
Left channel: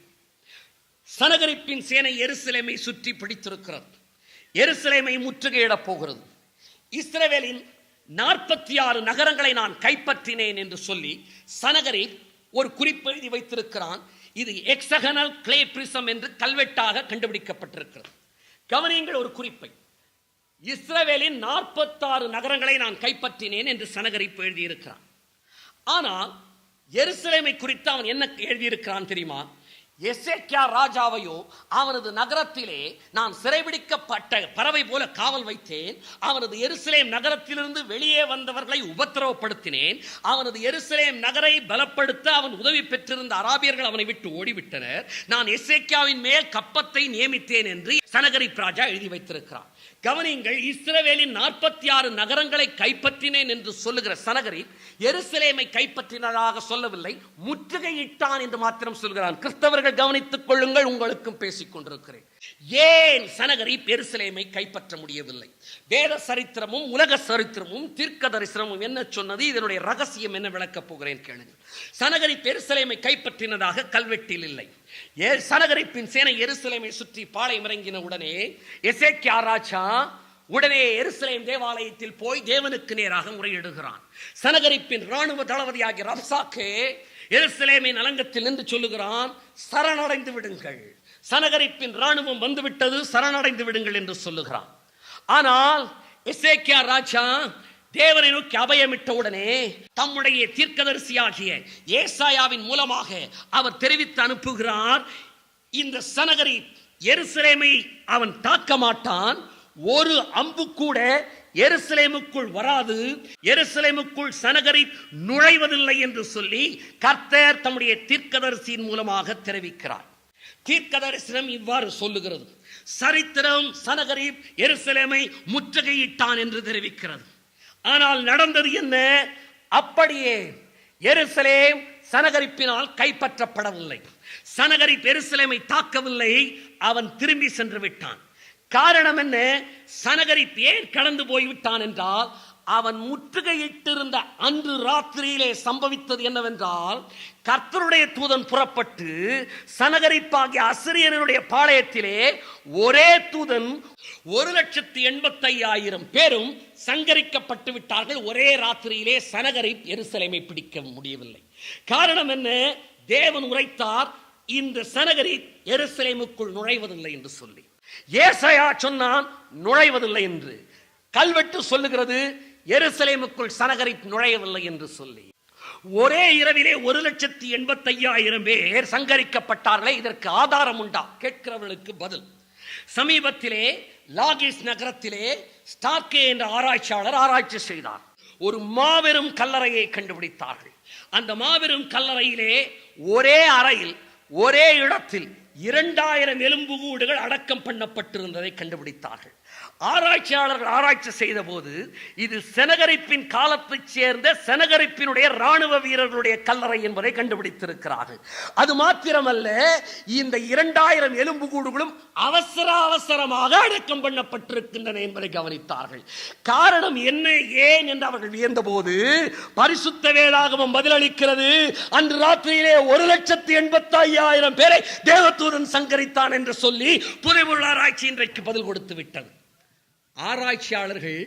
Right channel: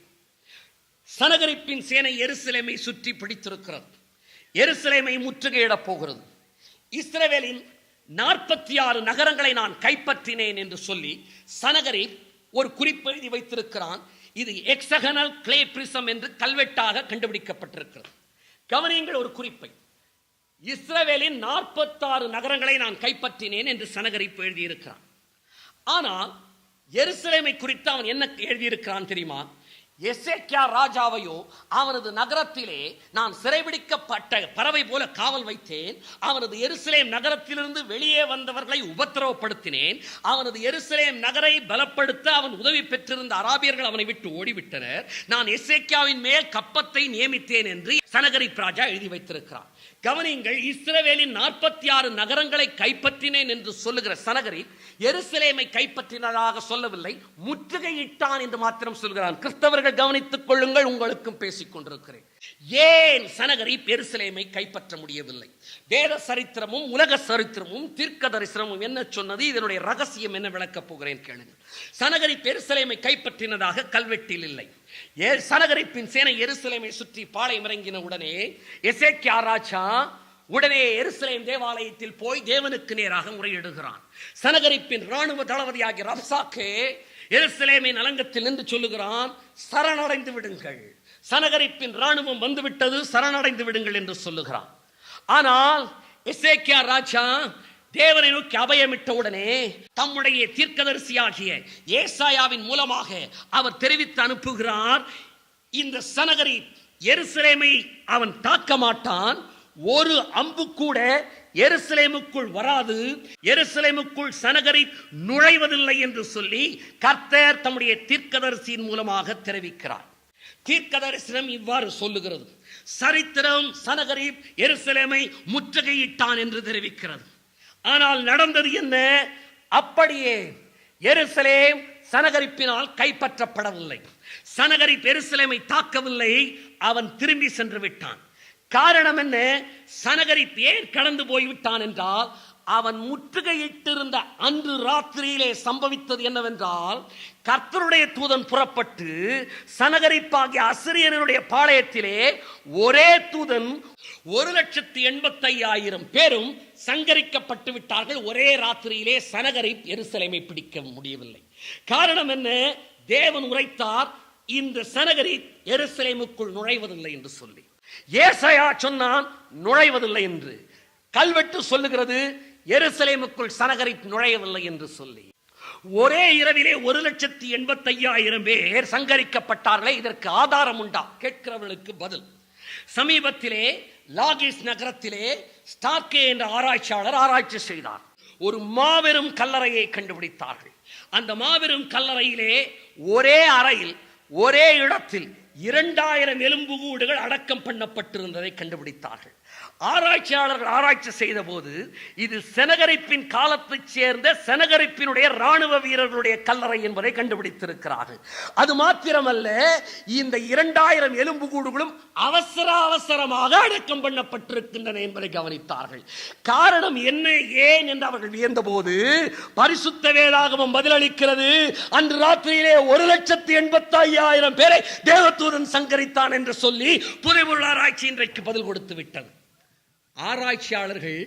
சனகரிப்பின் சேனை எருசலேமை சுற்றி பிடித்திருக்கிறது. எருசலேமை முற்றுகையிடப் போகிறது. இஸ்ரவேலின் 46 நகரங்களை நான் கைப்பற்றினேன் என்று சொல்லி சனகரிப் ஒரு குறிப்பை எழுதி வைத்திருக்கிறான். இது எக்ஸகனல் கிளே பிரிசம் என்று கல்வெட்டாக கண்டுபிடிக்கப்பட்டிருக்கிறது. கவனியுங்கள் ஒரு குறிப்பை. இஸ்ரவேலின் 46 நகரங்களை நான் கைப்பற்றினேன் என்று சனகரிப் எழுதியிருக்கிறான். ஆனால் எருசலேமை குறித்து அவன் என்ன எழுதியிருக்கிறான் தெரியுமா? எசேக்கியா ராஜாவையோ அவனது நகரத்திலே நான் சிறைபிடிக்கப்பட்ட பறவை போல காவல் வைத்தேன். அவனது எருசலேம் நகரத்திலிருந்து வெளியே வந்தவர்களை உபத்திரவப்படுத்தினேன். அவனது எருசலேம் நகரை பலப்படுத்த அவன் உதவி பெற்றிருந்த அராபியர்கள் அவனை விட்டு ஓடிவிட்டனர். நான் எசேக்கியாவின் மேல் கப்பத்தை நியமித்தேன் என்று சனகரிப் ராஜா எழுதி வைத்திருக்கிறான். கவனியுங்கள், இஸ்ரவேலின் 46 நகரங்களை கைப்பற்றினேன் என்று சொல்லுகிற சனகரிப் எருசலேமை கைப்பற்றினதாக சொல்லவில்லை, முற்றுகையிட்டான் என்று மாத்திரம் சொல்கிறான். கிறிஸ்தவர்கள் கவனித்துக் கொள்ளுங்கள், உங்களுக்கும் பேசிக் கொண்டிருக்கிறேன். ஏன் சனகரிப் எருசலேமை கைப்பற்ற முடியவில்லை? வேத சரித்திரமும் உலக சரித்திரமும் தீர்க்க தரிசனமும் என்ன சொன்னது? இதனுடைய ரகசியம் என்ன விளக்கப் போகிறேன் கேளுங்கள். சனகரிப் எருசலேமை கைப்பற்றினதாக கல்வெட்டில் இல்லை. சனகரிப்பின் சேனை எருசலேமை சுற்றி பாளையம் இறங்கின உடனே எசேக்கியா ராஜா உடனே எருசலேம் தேவாலயத்தில் போய் தேவனுக்கு நேராக முறையிடுகிறான். சனகரிப்பின் ராணுவ தளபதியாகிய ரப்சாக்கே எருசலேமின் அலங்கத்தில் நின்று சொல்லுகிறான், சரணடைந்து விடுங்கள், சனகரிப்பின் ராணுவம் வந்துவிட்டது, சரணடைந்து விடுங்கள் என்று சொல்லுகிறான். ஆனால் எசேக்கியா ராஜா தேவனை நோக்கி அபயமிட்ட உடனே தம்முடைய தீர்க்கதரிசியாகிய ஏசாயாவின் மூலமாக அவர் தெரிவித்து அனுப்புகிறார், இந்த சனகரிப் எருசலேமை அவன் தாக்க மாட்டான், ஒரு அம்பு கூட எருசலேமுக்குள் வராது, எருசலேமுக்குள் சனகரிப் நுழைவதில்லை என்று சொல்லி கர்த்தர் தம்முடைய தீர்க்கதரிசியின் மூலமாக தெரிவிக்கிறார். தீர்க்கதரிசனம் இவ்வாறு சொல்லுகிறது, சரித்திரம் சனகரிப் எருசலேமை முற்றுகையிட்டான் என்று தெரிவிக்கிறது. ஆனால் நடந்தது என்ன? அப்படியே எருசலேம் சனகரிப்பினால் கைப்பற்றப்படவில்லை. சனகரிப் எருசலேமை தாக்கவில்லை, அவன் திரும்பி சென்று விட்டான். காரணம் என்ன? சனகரிப் ஏன் கடந்து போய்விட்டான் என்றால், அவன் முற்றுகையிட்டிருந்த அன்று ராத்திரியிலே சம்பவித்தது என்னவென்றால், கர்த்தருடைய தூதன் புறப்பட்டு சனகரிப்பாகிய அசிரியனுடைய பாளையத்திலே ஒரே தூதன் 1,85,000 பேரும் சங்கரிக்கப்பட்டு விட்டார்கள். ஒரே ராத்திரியிலே சனகரிப் எருசலேமை பிடிக்க முடியவில்லை. காரணம் என்ன? தேவன் உரைத்தார், இந்த சனகரிப் எருசலேமுக்குள் நுழைவதில்லை என்று சொல்லி. ஏசாயா சொன்னான் நுழைவதில்லை என்று. கல்வெட்டு சொல்லுகிறது எருசலேமுக்குள் சனகரிப் நுழையவில்லை என்று சொல்லி. ஒரே இரவிலே 1,85,000 பேர் சங்கரிக்கப்பட்டார்களே, இதற்கு ஆதாரம் உண்டா? கேட்கிறவர்களுக்கு பதில். சமீபத்திலே லாகிஸ் நகரத்திலே ஸ்டார்கே என்ற ஆராய்ச்சியாளர் ஆராய்ச்சி செய்தார். ஒரு மாபெரும் கல்லறையை கண்டுபிடித்தார்கள். அந்த மாபெரும் கல்லறையிலே ஒரே அறையில் ஒரே இடத்தில் 2000 எலும்புக்கூடுகள் அடக்கம் பண்ணப்பட்டிருந்ததை கண்டுபிடித்தார்கள். ஆராய்ச்சியாளர்கள் ஆராய்ச்சி செய்த போது இது சனகரிப்பின் காலத்தைச் சேர்ந்த சனகரிப்பினுடைய ராணுவ வீரர்களுடைய கல்லறை என்பதை கண்டுபிடித்திருக்கிறார்கள். அது மாத்திரமல்ல, இந்த 2000 எலும்புக்கூடுகளும் அவசரமாக அடக்கம் பண்ணப்பட்டிருக்கின்றன என்பதை கவனித்தார்கள். காரணம் என்ன, ஏன் என்று அவர்கள் வியந்த போது பரிசுத்த வேதாகமம் பதிலளிக்கிறது, அன்று ராத்திரியிலே 1,85,000 பேரை தேவதூதன் சங்கரித்தான் என்று சொல்லி புதைபொருள் ஆராய்ச்சி இன்றைக்கு பதில் கொடுத்து விட்டது. ஆராய்ச்சியாளர்கள்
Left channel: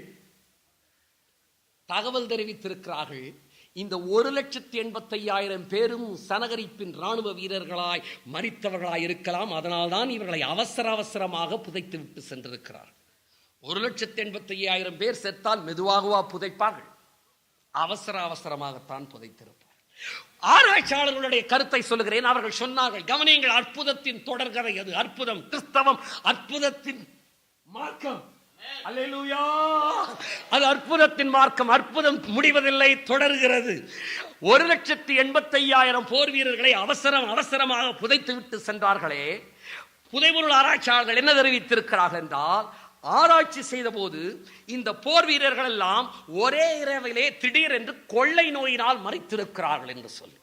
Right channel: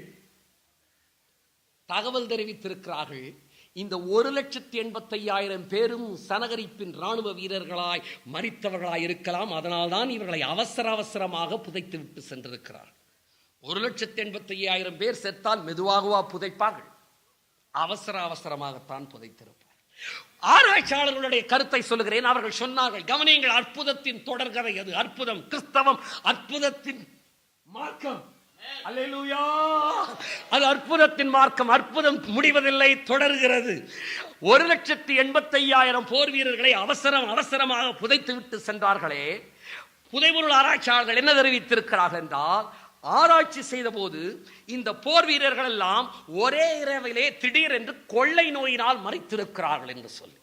தகவல் தெரிவித்திருக்கிறார்கள், இந்த 1,85,000 பேரும் சனகரிப்பின் ராணுவ வீரர்களாய் மரித்தவர்களாய் இருக்கலாம். அதனால்தான் இவர்களை அவசரமாக புதைத்து விட்டு சென்றிருக்கிறார். 1,85,000 பேர் செத்தால் மெதுவாகவா புதைப்பார்கள்? அவசரமாகத்தான் புதைத்திருப்பார். ஆராய்ச்சியாளர்களுடைய கருத்தை சொல்லுகிறேன். அவர்கள் சொன்னார்கள், கவனியங்கள், அற்புதத்தின் தொடர்கதை அது. அற்புதம், கிறிஸ்தவம் அற்புதத்தின் மார்க்கம். அல்லேலூயா! அது அற்புதத்தின் மார்க்கம். அற்புதம் முடிவதில்லை, தொடர்கிறது. 1,85,000 போர் வீரர்களை அவசரமாக புதைத்து விட்டு சென்றார்களே. புதைபொருள் ஆராய்ச்சியாளர்கள் என்ன தெரிவித்திருக்கிறார்கள் என்றால், ஆராய்ச்சி செய்த போது இந்த போர் வீரர்கள் எல்லாம் ஒரே இரவிலே திடீரென்று கொள்ளை நோயினால் மரித்திருக்கிறார்கள் என்று சொல்லி.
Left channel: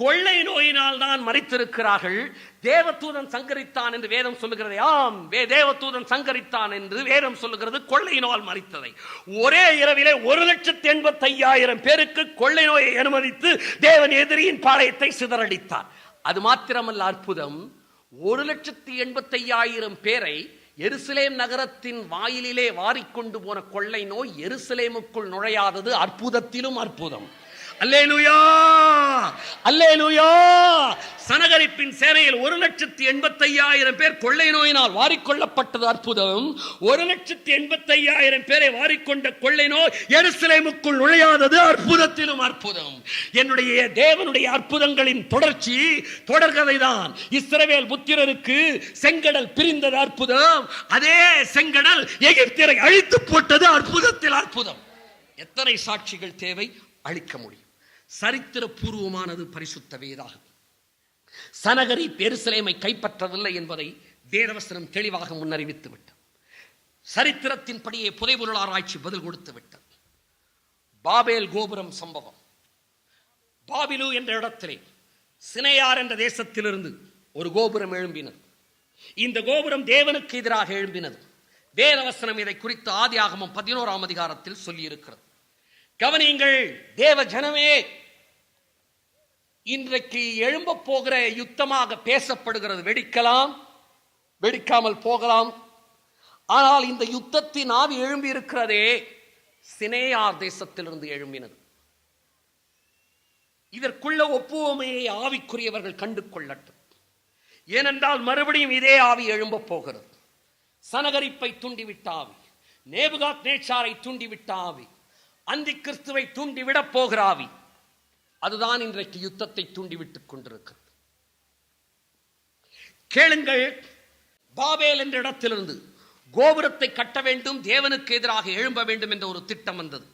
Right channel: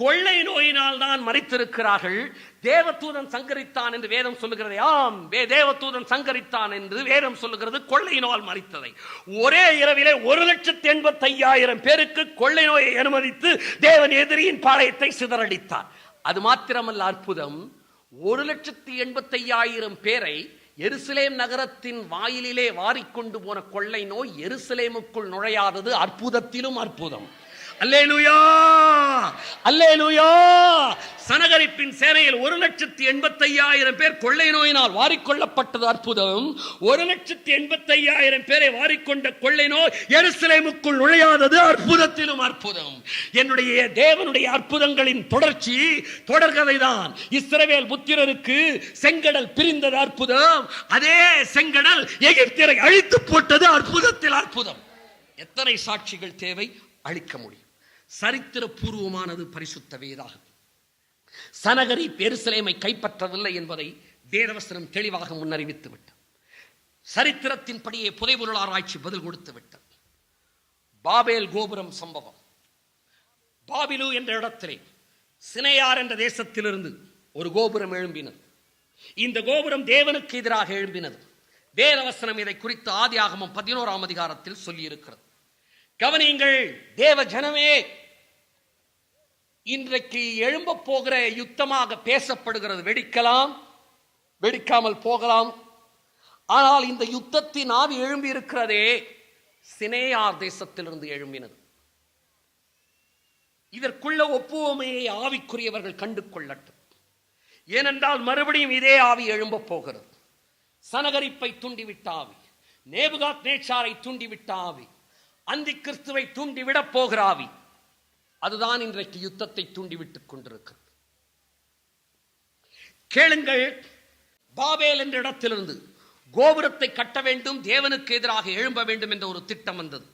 கொள்ளை நோயினால் தான் மரித்திருக்கிறார்கள். தேவதூதன் சங்கரித்தான் என்று வேதம் சொல்லுகிறது. ஆம், தேவதூதன் சங்கரித்தான் என்று வேதம் சொல்லுகிறது. கொள்ளை நோயால் மரித்ததை ஒரே இரவிலே 1,85,000 பேருக்கு கொள்ளை நோயை அனுமதித்து தேவன் எதிரியின் பாளையத்தை சிதறடித்தார். அது மாத்திரமல்ல, அற்புதம், 1,85,000 பேரை எருசலேம் நகரத்தின் வாயிலிலே வாரிக்கொண்டு போன கொள்ளை நோய் எருசலேமுக்குள் நுழையாதது அற்புதத்திலும் அற்புதம். அல்லேலூயா, அல்லேலூயா! சனகரிப்பின் சேனையில் 1,85,000 பேர் கொள்ளை நோயினால் வாரிக்கொள்ளப்பட்டது அற்புதம். 1,85,000 பேரை வாரிக்கொண்ட கொள்ளை நோய் எருசலேமுக்குள் நுழையாதது அற்புதத்திலும் அற்புதம். என்னுடைய தேவனுடைய அற்புதங்களின் தொடர்ச்சி, தொடர்கதைதான். இஸ்ரவேல் புத்திரருக்கு செங்கடல் பிரிந்தது அற்புதம். அதே செங்கடல் எகிப்தியரை அழித்து போட்டது அற்புதத்தில் அற்புதம். எத்தனை சாட்சிகள் தேவை? அழிக்க முடியும். சரித்திர பூர்வமானது பரிசுத்த வேதாகம். சனகரிப் எருசலேமை கைப்பற்றவில்லை என்பதை வேதவசனம் தெளிவாக முன்னறிவித்து விட்டது. சரித்திரத்தின்படியே புதைபொருள் ஆராய்ச்சி பதில் கொடுத்து விட்டது. பாபேல் கோபுரம் சம்பவம். பாபிலு என்ற இடத்திலே சினையார் என்ற தேசத்திலிருந்து ஒரு கோபுரம் எழும்பினது. இந்த கோபுரம் தேவனுக்கு எதிராக எழும்பினது. வேதவசனம் இதை குறித்து ஆதியாகமம் 11ஆம் அதிகாரத்தில் சொல்லியிருக்கிறது. கவனியுங்கள், தேவ ஜனமே, இன்றைக்கு எழும்ப போகிற யுத்தமாக பேசப்படுகிறது. வெடிக்கலாம், வெடிக்காமல் போகலாம். ஆனால் இந்த யுத்தத்தின் ஆவி எழும்பி இருக்கிறதே சினேயார் தேசத்திலிருந்து எழும்பினது. இதற்குள்ள ஒப்புவமையை ஆவிக்குரியவர்கள் கண்டு கொள்ளட்டும். ஏனென்றால் மறுபடியும் இதே ஆவி எழும்ப போகிறது. சனகரிப்பை தூண்டிவிட்ட ஆவி, நேபுகாத் நேச்சாரை தூண்டிவிட்ட ஆவி, அந்தி கிறிஸ்துவை தூண்டிவிடப் போகிற ஆவி, அதுதான் இன்றைக்கு யுத்தத்தை தூண்டிவிட்டுக் கொண்டிருக்கிறது. கேளுங்கள், பாபேல் என்ற இடத்திலிருந்து கோபுரத்தை கட்ட வேண்டும், தேவனுக்கு எதிராக எழும்ப வேண்டும் என்ற ஒரு திட்டம் வந்தது.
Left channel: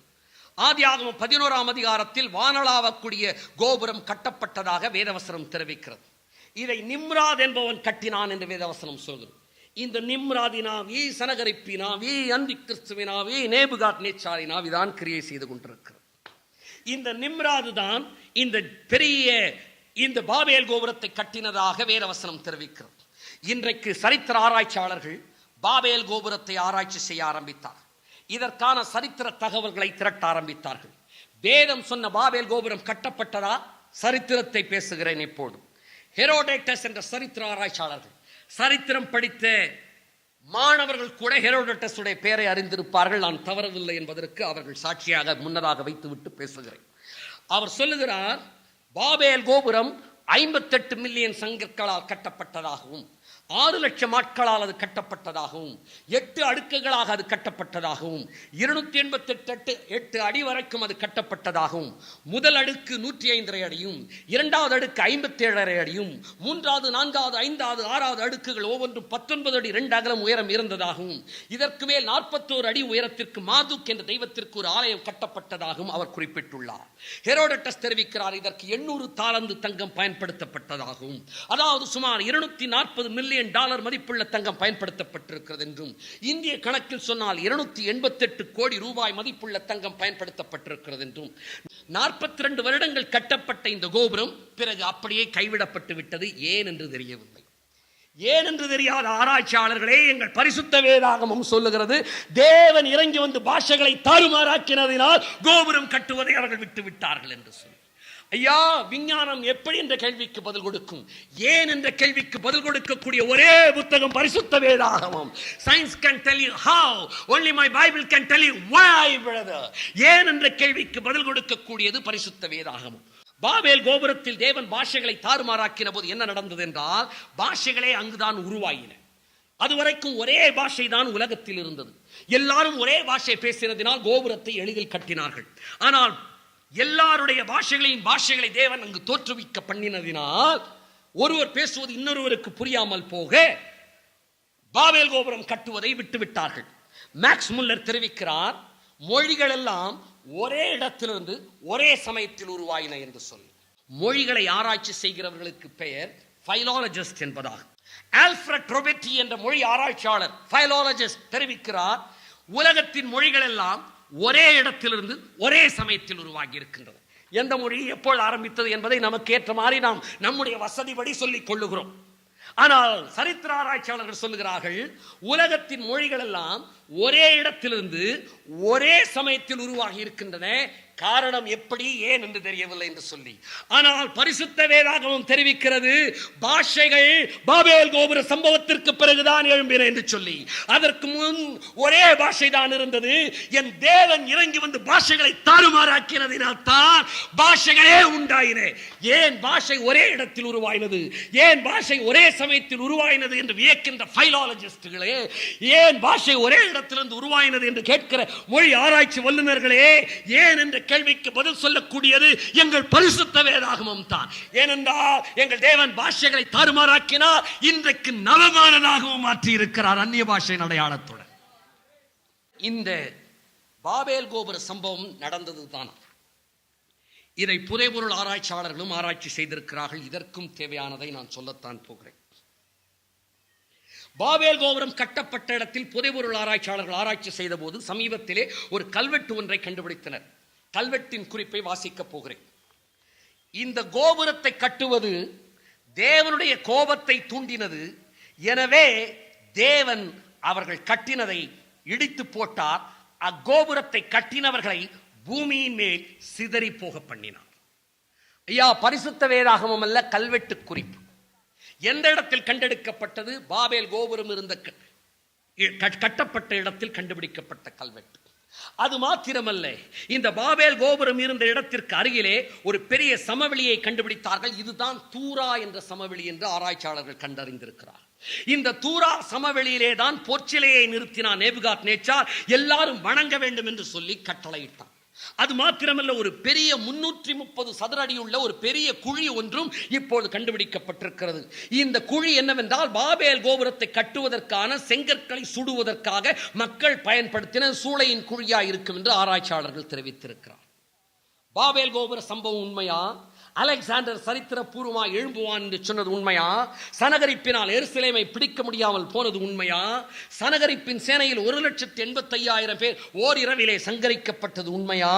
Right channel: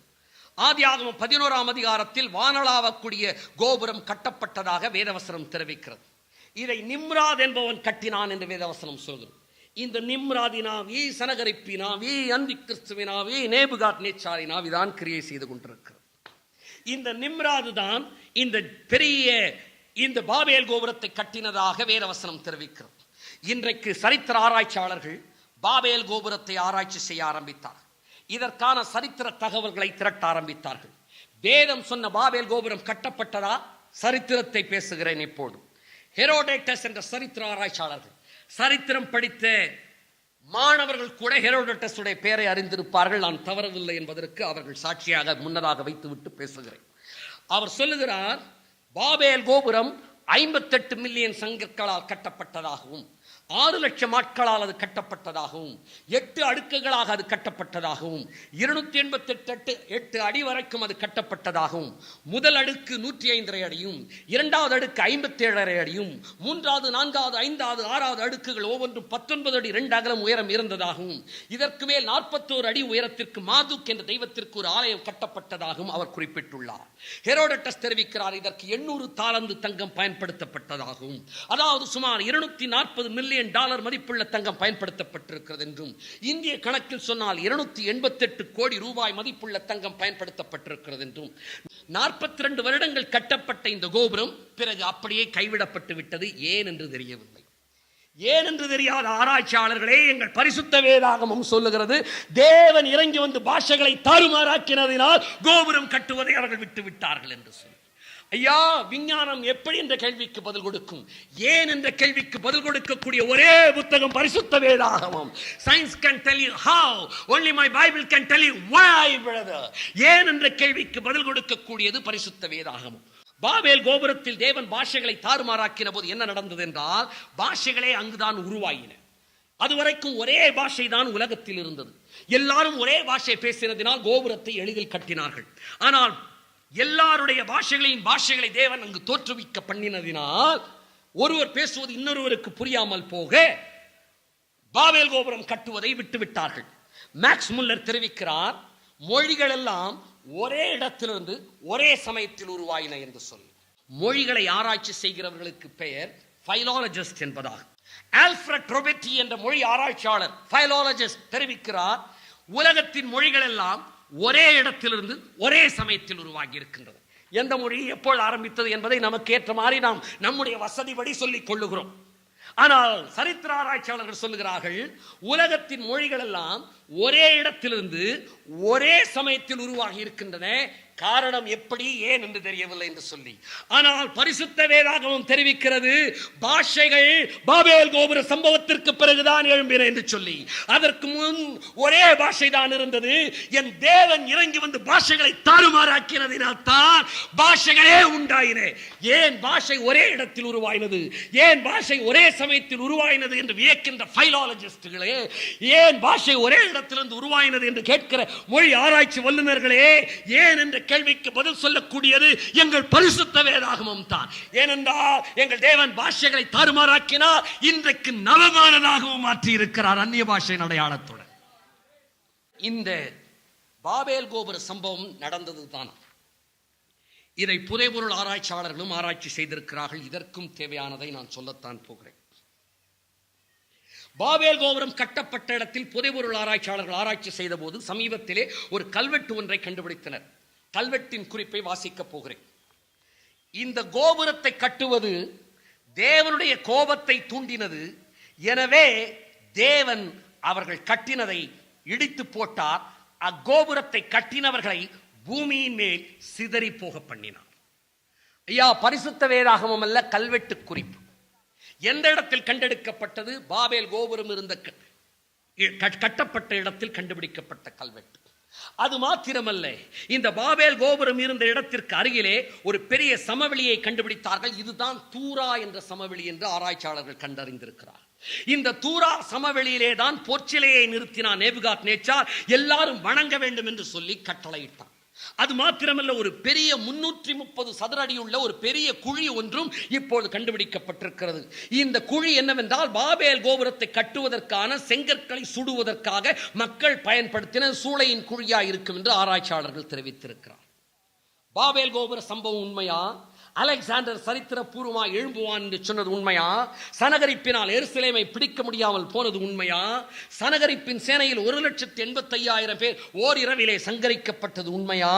ஆதியாகமம் 11ஆம் அதிகாரத்தில் வானளாவக்கூடிய கோபுரம் கட்டப்பட்டதாக வேதவசனம் தெரிவிக்கிறது. இதை நிம்ராத் என்பவன் கட்டினான் என்று வேதவசனம் சொல்கிறது. இந்த நிம்ராதினாவி, சனகரிப்பினாவி, அந்தி கிறிஸ்துவினாவி, நேபுகாத் நேச்சாரினாவி தான் கிரியை செய்து கொண்டிருக்கிறது. இந்த நிம்ராது தான் இந்த பெரிய இந்த பாபேல் கோபுரத்தை கட்டினதாக வேதவசனம் தெரிவிக்கிறது. இன்றைக்கு சரித்திர ஆராய்ச்சியாளர்கள் பாபேல் கோபுரத்தை ஆராய்ச்சி செய்ய ஆரம்பித்தார். இதற்கான சரித்திர தகவல்களை திரட்ட ஆரம்பித்தார்கள். வேதம் சொன்ன பாபேல் கோபுரம் கட்டப்பட்டதா? சரித்திரத்தை பேசுகிறேன் இப்போது. ஹெரோடேட்டஸ் என்ற சரித்திர ஆராய்ச்சியாளர்கள், சரித்திரம் படித்த மாணவர்கள் கூட ஹெரோடேட்டஸ் உடைய பெயரை அறிந்திருப்பார்கள். நான் தவறவில்லை என்பதற்கு அவர்கள் சாட்சியாக முன்னதாக வைத்துவிட்டு பேசுகிறேன். அவர் சொல்லுகிறார், பாபேல் கோபுரம் 58 மில்லியன் சங்கங்களால் கட்டப்பட்டதாகவும், 6 லட்சம் ஆட்களால் அது கட்டப்பட்டதாகவும், 8 அடுக்குகளாக அது கட்டப்பட்டதாகவும், 288 அடி வரைக்கும் அது கட்டப்பட்டதாகவும், முதல் அடுக்கு 105 அடியும், இரண்டாவது அடுக்கு 57 அடியும், மூன்றாவது, நான்காவது, ஐந்தாவது, ஆறாவது அடுக்குகள் ஒவ்வொன்றும் 19 அடி 2 அகலம் உயரம் இருந்ததாகவும், இதற்கு மேல் 41 அடி உயரத்திற்கு மாதுக் என்ற தெய்வத்திற்கு ஒரு ஆலயம் கட்டப்பட்டதாகவும் அவர் குறிப்பிட்டுள்ளார். ஹெரோடேட்டஸ் தெரிவிக்கிறார், இதற்கு 800 தாலந்து தங்கம் பயன்படுத்தப்பட்டதாகவும், அதாவது சுமார் 240 மில்லியன் டாலர் மதிப்புள்ள தங்கம் பயன்படுத்தப்பட்டிருக்கிறது என்றும், இந்திய கணக்கில் சொன்னால் 288 கோடி ரூபாய் மதிப்புள்ள தங்கம் பயன்படுத்தப்பட்டிருக்கிறது என்றும், 42 வருடங்கள் கட்டப்பட்ட இந்த கோபுரம் பிறகு அப்படியே கைவிடப்பட்டு விட்டது. ஏன் என்று தெரியவில்லை. ஏன் என்று தெரியாத ஆராய்ச்சியாளர்களே, எங்கள் பரிசுத்த வேதாகமம் சொல்லுகிறது, தேவன் இறங்கி வந்து பாஷைகளை தாறுமாறாக்கினதினால் கோபுரம் கட்டுவதை அவர்கள் விட்டு விட்டார்கள் என்று சொல்லி. ஐயா, விஞ்ஞானம் எப்படி என்ற கேள்விக்கு பதில் கொடுக்கும்? ஏன் என்ற கேள்விக்கு பதில் கொடுக்கக்கூடிய ஒரே புத்தகம் பரிசுத்த வேதாகமம். Science can tell you how, only my Bible can tell you why, brother. ஏன் என்ற கேள்விக்கு பதில் கொடுக்கக்கூடியது பரிசுத்த வேதாகமம். பாபேல் கோபுரத்தில் தேவன் பாஷைகளை தாறுமாறாக்கின போது என்ன நடந்தது என்றால், பாஷைகளே அங்குதான் உருவாயின. அதுவரைக்கும் ஒரே பாஷை தான் உலகத்தில் இருந்தது. எல்லாரும் ஒரே பாஷை பேசினதினால் கோபுரத்தை எளிதில் கட்டினார்கள். ஆனால் எல்லாருடைய பாஷைகளை தேவன் அங்கு தோற்றுவிக்க பண்ணினதினால் ஒருவர் பேசுவது இன்னொருவருக்கு புரியாமல் போக பாபேல் கோபுரம் கட்டுவதை விட்டுவிட்டார்கள். மேக்ஸ் முல்லர் தெரிவிக்கிறார், மொழிகள் எல்லாம் ஒரே இடத்திலிருந்து ஒரே சமயத்தில் உருவாயின என்று சொல்லி. மொழிகளை ஆராய்ச்சி செய்கிறவர்களுக்கு பெயர் பைலாலஜிஸ்ட் என்பதாகும். ஆல்ஃபிரட் ரொபெட்டி என்ற மொழி ஆராய்ச்சியாளர், பைலாலஜிஸ்ட், தெரிவிக்கிறார், உலகத்தின் மொழிகள் எல்லாம் ஒரே இடத்திலிருந்து ஒரே சமயத்தில் உருவாகி இருக்கின்றது. எந்த மொழி எப்போது ஆரம்பித்தது என்பதை நமக்கு ஏற்ற மாதிரி நாம் நம்முடைய வசதிப்படி சொல்லிக் கொள்ளுகிறோம். ஆனால் சரித்திர ஆராய்ச்சியாளர்கள் சொல்லுகிறார்கள், உலகத்தின் மொழிகள் எல்லாம் ஒரே இடத்திலிருந்து ஒரே சமயத்தில் உருவாகி இருக்கின்றன. காரணம் எப்படி, ஏன் என்று தெரியவில்லை என்று சொல்லி. ஆனால் பரிசுத்த வேதாகமம் தெரிவிக்கிறது, பாஷைகள் பாபேல் கோபுர சம்பவத்திற்கு பிறகுதான் எழும்பின என்று சொல்லி. அதற்கு முன் ஒரே பாஷை தான் இருந்தது. என் தேவன் இறங்கி வந்து பாஷைகளை தாறுமாறாக்கினதினால் தான் பாஷைகளே உண்டாயின. ஏன் பாஷை ஒரே இடத்தில் உருவாயினது, ஏன் பாஷை ஒரே சமயத்தில் உருவாயினது என்று வியக்கின்ற பைலாலஜிஸ்டுகளே, ஏன் பாஷை ஒரே இடத்திலிருந்து உருவாயினது என்று கேட்கிற மொழி ஆராய்ச்சி வல்லுநர்களே, ஏன் என்ற கேள்விக்கு பதில் சொல்லக்கூடியது எங்கள் பரிசுத்த வேதாகமம் தான். ஏனென்றால் எங்கள் தேவன் பாஷைகளை தாறுமாறாக்கினார், இன்றைக்கு நவமானதாகவும் மாற்றி இருக்கிறார் அந்நிய பாஷை அடையாளத்துடன். இந்த பாபேல் கோபுர சம்பவம் நடந்ததுதான். இதை புதைபொருள் ஆராய்ச்சியாளர்களும் ஆராய்ச்சி செய்திருக்கிறார்கள். இதற்கும் தேவையானதை நான் சொல்லத்தான் போகிறேன். பாபேல் கோபுரம் கட்டப்பட்ட இடத்தில் புதைபொருள் ஆராய்ச்சியாளர்கள் ஆராய்ச்சி செய்த போது சமீபத்திலே ஒரு கல்வெட்டு ஒன்றை கண்டுபிடித்தனர். கல்வெட்டின் குறிப்பை வாசிக்கப் போகிறேன். இந்த கோபுரத்தை கட்டுவது தேவனுடைய கோபத்தை தூண்டினது. எனவே தேவன் அவர்கள் கட்டினதை இடித்து போட்டார். அக்கோபுரத்தை கட்டினவர்களை பூமியின் மேல் சிதறி போக பண்ணினார். ஐயா, பரிசுத்த வேதாகமம் அல்ல, கல்வெட்டு குறிப்பு. எந்த இடத்தில் கண்டெடுக்கப்பட்டது? பாபேல் கோபுரம் இருந்த கட்டப்பட்ட இடத்தில் கண்டுபிடிக்கப்பட்ட கல்வெட்டு. அது மாத்திரமல்ல, இந்த பாபேல் கோபுரம் இருந்த இடத்திற்கு அருகிலே ஒரு பெரிய சமவெளியை கண்டுபிடித்தார்கள். இதுதான் தூரா என்ற சமவெளி என்று ஆராய்ச்சியாளர்கள் கண்டறிந்திருக்கிறார். இந்த தூரா சமவெளியிலே தான் பொற்சிலையை நிறுத்தினான் நேபுகாத் நேச்சார். எல்லாரும் வணங்க வேண்டும் என்று சொல்லி கட்டளையிட்டான். அது மாத்திரமல்ல, ஒரு பெரிய 330 சதுர அடியுள்ள ஒரு பெரிய குழி ஒன்றும் இப்போது கண்டுபிடிக்கப்பட்டிருக்கிறது. இந்த குழி என்னவென்றால், பாபேல் கோபுரத்தை கட்டுவதற்கான செங்கற்களை சுடுவதற்காக மக்கள் பயன்படுத்தின சூளையின் குழியா இருக்கும் என்று ஆராய்ச்சியாளர்கள் தெரிவித்திருக்கிறார். பாபேல் கோபுர சம்பவம் உண்மையா? அலெக்சாண்டர் சரித்திர பூர்வமா எழும்புவான் என்று சொன்னது உண்மையா? சனகரிப்பினால் எருசலேமை பிடிக்க முடியாமல் போனது உண்மையா? சனகரிப்பின் சேனையில் 1,85,000 பேர் ஓரிரவிலே சங்கரிக்கப்பட்டது உண்மையா?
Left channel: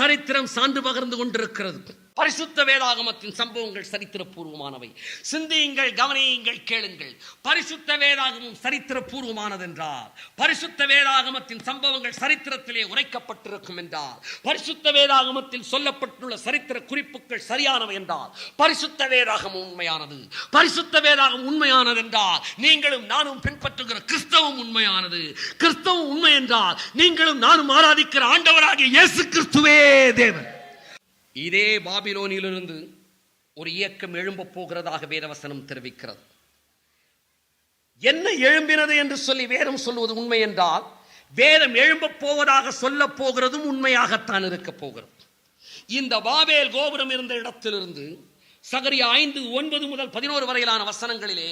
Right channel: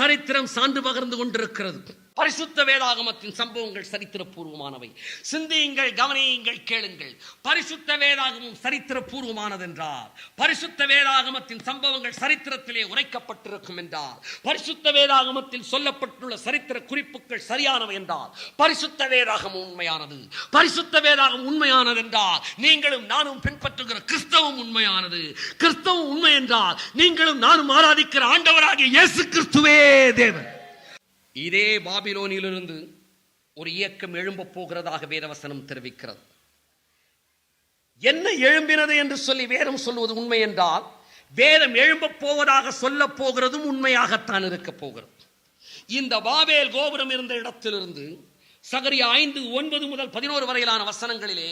சரித்திரம் சான்று பகர்ந்து கொண்டிருக்கிறது. பரிசுத்த வேதாகமத்தின் சம்பவங்கள் சரித்திர பூர்வமானவை. சிந்தியுங்கள், கவனியுங்கள், கேளுங்கள். பரிசுத்த வேதாகமம் சரித்திர பூர்வமானது என்றார், பரிசுத்த வேதாகமத்தின் சம்பவங்கள் சரித்திரத்திலே உரைக்கப்பட்டிருக்கும் என்றார், பரிசுத்த வேதாகமத்தில் சொல்லப்பட்டுள்ள சரித்திர குறிப்புகள் சரியானவை என்றார், பரிசுத்த வேதாகமம் உண்மையானது. பரிசுத்த வேதாகம் உண்மையானது என்றால் நீங்களும் நானும் பின்பற்றுகிற கிறிஸ்தவம் உண்மையானது. கிறிஸ்தவம் உண்மை என்றால் நீங்களும் நானும் ஆராதிக்கிற ஆண்டவராகிய இயேசு கிறிஸ்துவே தேவன். இதே பாபிலோனிலிருந்து ஒரு இயக்கம் எழும்ப போகிறதாக வேதவசனம் தெரிவிக்கிறது. என்ன எழும்பினது என்று சொல்லி வேதம் சொல்லுவது உண்மை என்றால், வேதம் எழும்ப போவதாக சொல்ல போகிறதும் உண்மையாகத்தான் இருக்க போகிறது. இந்த பாபேல் கோபுரம் இருந்த இடத்திலிருந்து சகரியா 5:9 முதல் 11 வரையிலான வசனங்களிலே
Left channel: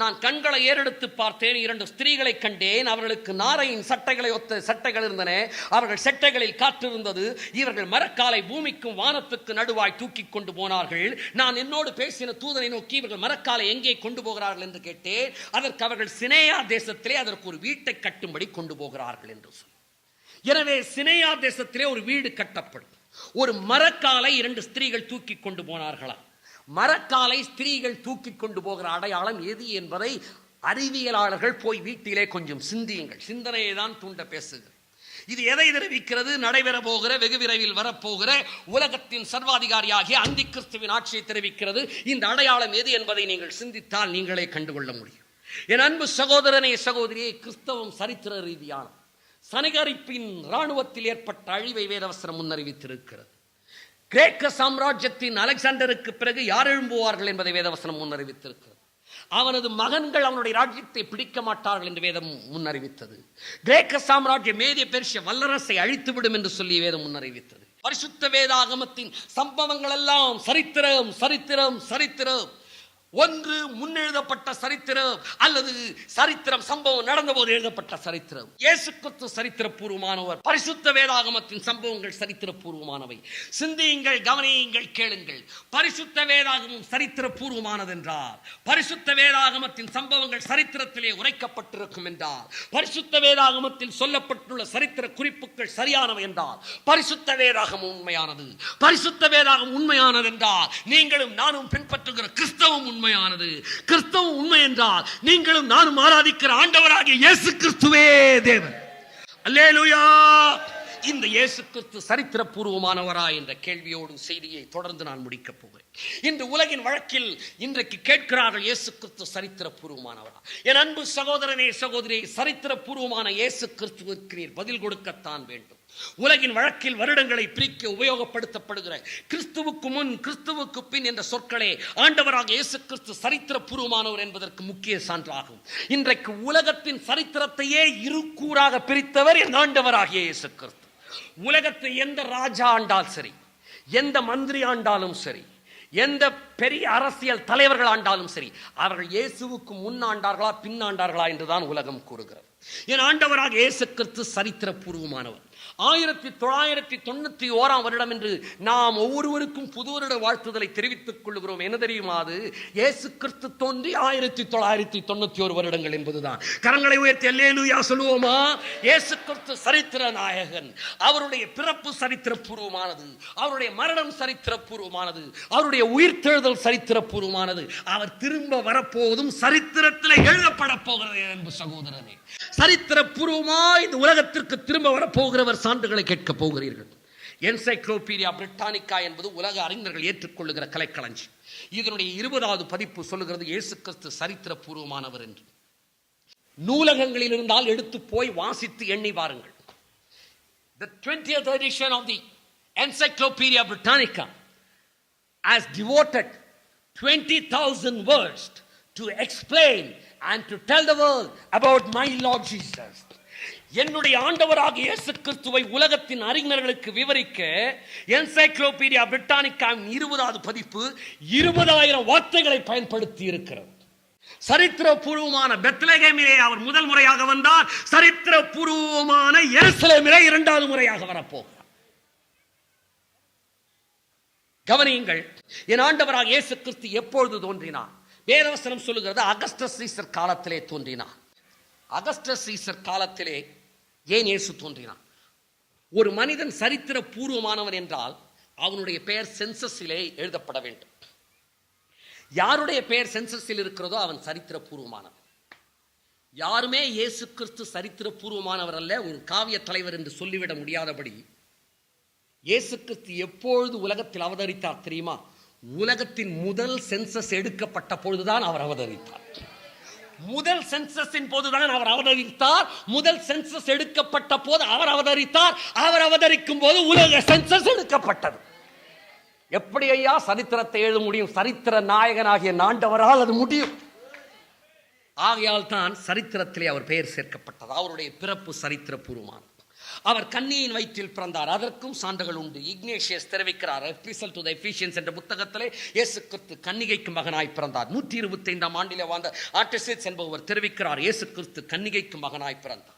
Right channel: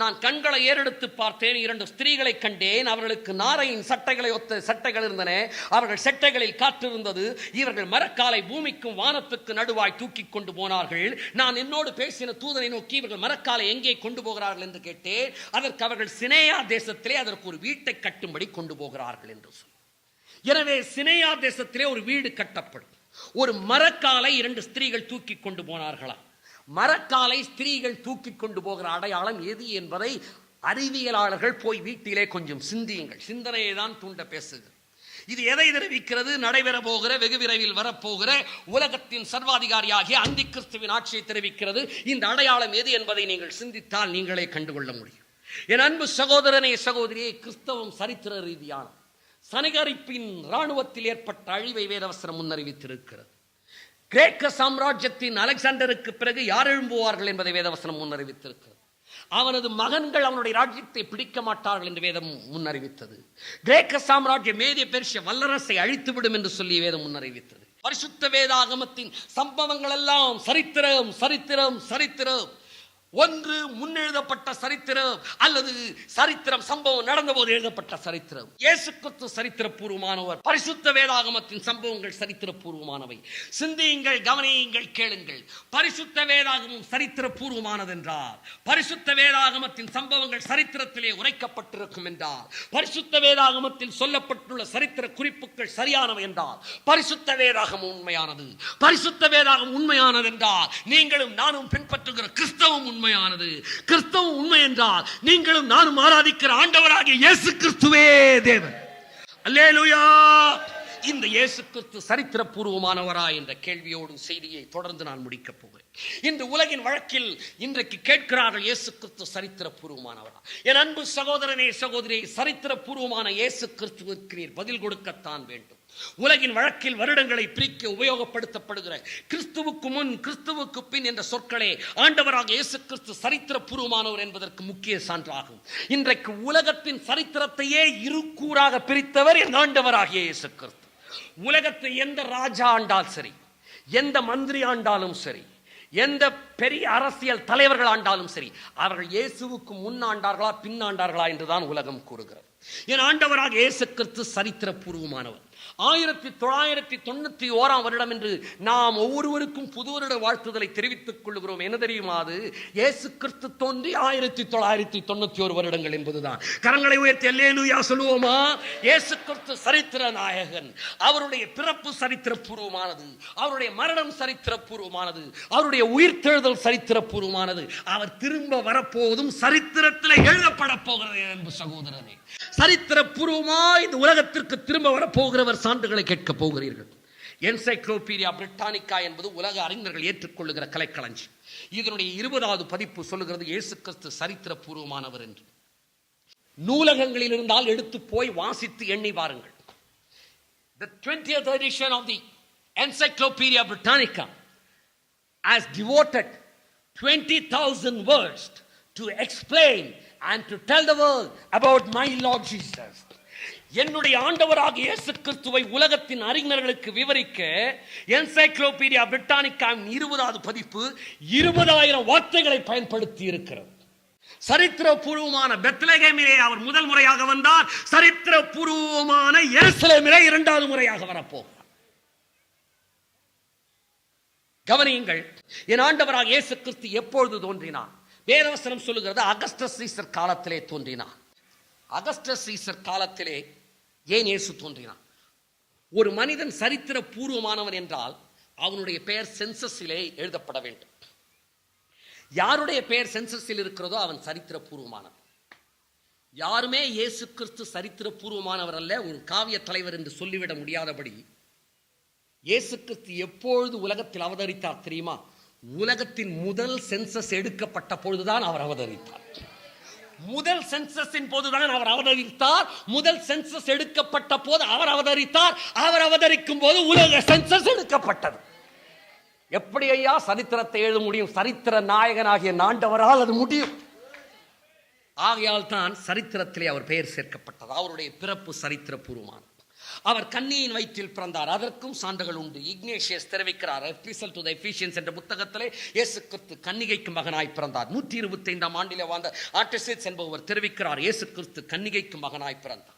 நான் கண்களை ஏறெடுத்து பார்த்தேன். 2 ஸ்திரீகளை கண்டேன். அவர்களுக்கு நாரையின் சட்டைகளை ஒத்த சட்டைகள் இருந்தன. அவர்கள் சட்டைகளில் காற்று இருந்தது. இவர்கள் மரக்காலை பூமிக்கும் வானத்துக்கு நடுவாய் தூக்கி கொண்டு போனார்கள். நான் என்னோடு பேசின தூதனை நோக்கி, இவர்கள் மரக்காலை எங்கே கொண்டு போகிறார்கள் என்று கேட்டேன். அதற்கு அவர்கள் சினேயா தேசத்திலே அதற்கு ஒரு வீட்டை கட்டும்படி கொண்டு போகிறார்கள் என்று சொன்னார். எனவே சினேயா தேசத்திலே ஒரு வீடு கட்டப்படும். ஒரு மரக்காலை 2 ஸ்திரீகள் தூக்கி கொண்டு போனார்களாம். மரக்காலை ஸ்திரீகள் தூக்கி கொண்டு போகிற அடையாளம் எது என்பதை அறிவியலாளர்கள் போய் வீட்டிலே கொஞ்சம் சிந்தியுங்கள். சிந்தனையை தான் தூண்ட பேசுகிறது. இது எதை தெரிவிக்கிறது? நடைபெற போகிற, வெகு விரைவில் வரப்போகிற உலகத்தின் சர்வாதிகாரியாகிய அந்தி கிறிஸ்துவின் ஆட்சியை தெரிவிக்கிறது. இந்த அடையாளம் எது என்பதை நீங்கள் சிந்தித்தால் நீங்களே கண்டுகொள்ள முடியும். என் அன்பு சகோதரனே, சகோதரியே, கிறிஸ்தவம் சரித்திர ரீதியான சனகரிப்பின் இராணுவத்தில் ஏற்பட்ட அழிவை வேதவசனம் முன்னறிவித்திருக்கிறது. கிரேக்க சாம்ராஜ்யத்தின் அலெக்சாண்டருக்கு பிறகு யார் எழும்புவார்கள் என்பதை வேதவசனம் முன்னறிவித்திருக்கிறது. அவனது மகன்கள் அவனுடைய ராஜ்யத்தை பிடிக்க மாட்டார்கள் என்று வேதம் முன்னறிவித்தது. கிரேக்க சாம்ராஜ்யம் மேதிய பெர்சிய வல்லரசை அழித்துவிடும் என்று சொல்லி வேதம் முன்னறிவித்தது. பரிசுத்த வேதாகமத்தின் சம்பவங்கள் எல்லாம் சரித்திரம், சரித்திரம், சரித்திரம். ஒன்று முன்னெழுதப்பட்ட சரித்திரம், அல்லது சரித்திரம் சம்பவம் நடந்த போது எழுதப்பட்ட சரித்திரம். இயேசு கிறிஸ்து சரித்திர பூர்வமானவர். பரிசுத்த வேதாகமத்தின் சம்பவங்கள் சரித்திர பூர்வமானவை. சிந்தியுங்கள், கவனியுங்கள், கேளுங்கள். பரிசுத்த வேதாகமம் சரித்திர பூர்வமானது என்றார், பரிசுத்த வேதாகமத்தின் சம்பவங்கள் சரித்திரத்திலே உரைக்கப்பட்டிருக்கும் என்றார், பரிசுத்த வேதாகமத்தில் சொல்லப்பட்டுள்ள சரித்திர குறிப்புகள் சரியானவை என்றார், பரிசுத்த வேதாகமம் உண்மையானது. பரிசுத்த வேதாகம் உண்மையானது என்றால் நீங்களும் நானும் பின்பற்றுகிற கிறிஸ்தவம் உண்மையானது. கிறிஸ்தவம் உண்மை என்றால் நீங்களும் நானும் ஆராதிக்கிற ஆண்டவராகிய இயேசு கிறிஸ்துவே தேவன். அல்லேலூயா. இந்த இயேசு கிறிஸ்து சரித்திர பூர்வமானவரா என்ற கேள்வியோடு செய்தியை தொடர்ந்து நான் முடிக்கப் போகிறேன். இந்த உலகின் வழக்கில் இன்றைக்கு கேட்கிறார்கள், இயேசு கிறிஸ்து சரித்திர பூர்வமானவரா? என் அன்பு சகோதரனே, சகோதரி, சரித்திர பூர்வமான இயேசு கிறிஸ்துவுக்கு நீர் பதில் கொடுக்கத்தான் வேண்டும். உலகின் வழக்கில் வருடங்களை பிரிக்க உபயோகப்படுத்தப்படுகிற கிறிஸ்துவுக்கு முன் கிறிஸ்துவுக்கு பின் என்ற சொற்களே ஆண்டவராக இயேசு கிறிஸ்து சரித்திர பூர்வமானவர் என்பதற்கு முக்கிய சான்றாகும். இன்றைக்கு உலகத்தின் சரித்திரத்தையே இரு கூறாக பிரித்தவர் என் ஆண்டவராகிய இயேசு கிறிஸ்து. உலகத்தை எந்த ராஜா ஆண்டால் சரி, எந்த மந்திரி ஆண்டாலும் சரி, எந்த பெரிய அரசியல் தலைவர்கள் ஆண்டாலும் சரி, அவர்கள் இயேசுவுக்கு முன்னாண்டார்களா பின்னாண்டார்களா என்றுதான் உலகம் கூறுகிறது. என் ஆண்டவராக இயேசு கிறிஸ்து சரித்திர பூர்வமானவர். 1991 வருடம் என்று நாம் ஒவ்வொருவருக்கும் புது வருட வாழ்த்துதலை தெரிவித்துக் கொள்கிறோம். என்ன தெரியுமா? அது இயேசு கிறிஸ்து தோன்றி 1991 வருடங்கள் என்பதுதான். கரங்களை உயர்த்தி அல்லேலூயா சொல்லுவோமா? இயேசு கிறிஸ்து சரித்திர நாயகன். அவருடைய பிறப்பு சரித்திர பூர்வமானது, அவருடைய மரணம் சரித்திர பூர்வமானது, அவருடைய உயிர்த்தெழுதல் சரித்திர பூர்வமானது. அவர் திரும்ப வரப்போவதும் சரித்திரத்தில் எழுதப்பட போகிறது. அன்பு சகோதரனே, சரித்திர பூர்வமாய் இந்த உலகத்திற்கு திரும்ப வரப்போகிறவர் சான்றுகளை கேட்க போகிறீர்கள். என்சைக்ளோபீடியா பிரிட்டானிக்கா என்பது உலக அறிஞர்கள் ஏற்றுக்கொள்ளுகிற கலைக்களஞ்சியம். இதனுடைய 20வது பதிப்பு சொல்லுகிறது இயேசு கிறிஸ்து சரித்திர பூர்வமானவர் என்று. நூலகங்களில் இருந்தால் எடுத்து போய் வாசித்து எண்ணி பாருங்கள். The 20th edition of the Encyclopedia Britannica has devoted 20,000 words to explain and to tell the world about my Lord Jesus. என்னுடைய ஆண்டவராக இயேசு கிறிஸ்துவை உலகத்தின் அறிஞர்களுக்கு விவரிக்க என்சைக்ளோபீடியா பிரிட்டானிக்கா 20வது பதிப்பு 20,000 வார்த்தைகளை பயன்படுத்தி இருக்கிறது. சரித்திர பூர்வமான பெத்லகேமிலே அவர் முதல் முறையாக வந்தார். சரித்திர பூர்வமான எருசலேமிலே 2வது முறையாக வரப்போகிறார். கவனியுங்கள், என் ஆண்டவராக இயேசு கிறிஸ்து எப்பொழுது தோன்றினார்? வேதவசனம் சொல்லுகிறது அகஸ்டஸ் சீசர் காலத்திலே தோன்றினார். அகஸ்டஸ் சீசர் காலத்திலே ஏன் இயேசு தோன்றினார்? ஒரு மனிதன் சரித்திர பூர்வமானவன் என்றால் அவனுடைய பெயர் சென்சஸிலே எழுதப்பட வேண்டும். யாருடைய பெயர் சென்சஸில் இருக்கிறதோ அவன் சரித்திர பூர்வமானவன். யாருமே இயேசு கிறிஸ்து சரித்திர பூர்வமானவர் அல்ல, ஒரு காவிய தலைவர் என்று சொல்லிவிட முடியாதபடி இயேசு கிறிஸ்து எப்பொழுது உலகத்தில் அவதரித்தார் தெரியுமா? உலகத்தின் முதல் சென்சஸ் எடுக்கப்பட்ட பொழுதுதான் அவர் அவதரித்தார். முதல் சென்சஸின் போதுதான் அவர் அவதரித்தார். முதல் சென்சஸ் எடுக்கப்பட்ட போது அவர் அவதரித்தார். அவர் அவதரிக்கும் போது உலக சென்சஸ் எடுக்கப்பட்டது. எப்படி ஐயா சரித்திரத்தை எழுத முடியும்? சரித்திர நாயகனாகிய ஆண்டவரால் அது முடியும். ஆகையால் தான் சரித்திரத்திலே அவர் பெயர் சேர்க்கப்பட்டது. அவருடைய பிறப்பு சரித்திர பூர்வமானது. அவர் கன்னியின் வயிற்றில் பிறந்தார். அதற்கும் சான்றுகள் உண்டு. இக்னேஷியஸ் தெரிவிக்கிறார் எபிஸ்டல் டு தி எபிசியன்ஸ் என்ற புத்தகத்திலே இயேசு கிறிஸ்து கன்னிகைக்கு மகனாய் பிறந்தார். 125ஆம் ஆண்டிலே வாழ்ந்த ஆர்டெசிஸ் என்பவர் தெரிவிக்கிறார் இயேசு கிறிஸ்து கன்னிகைக்கு மகனாய் பிறந்தார்.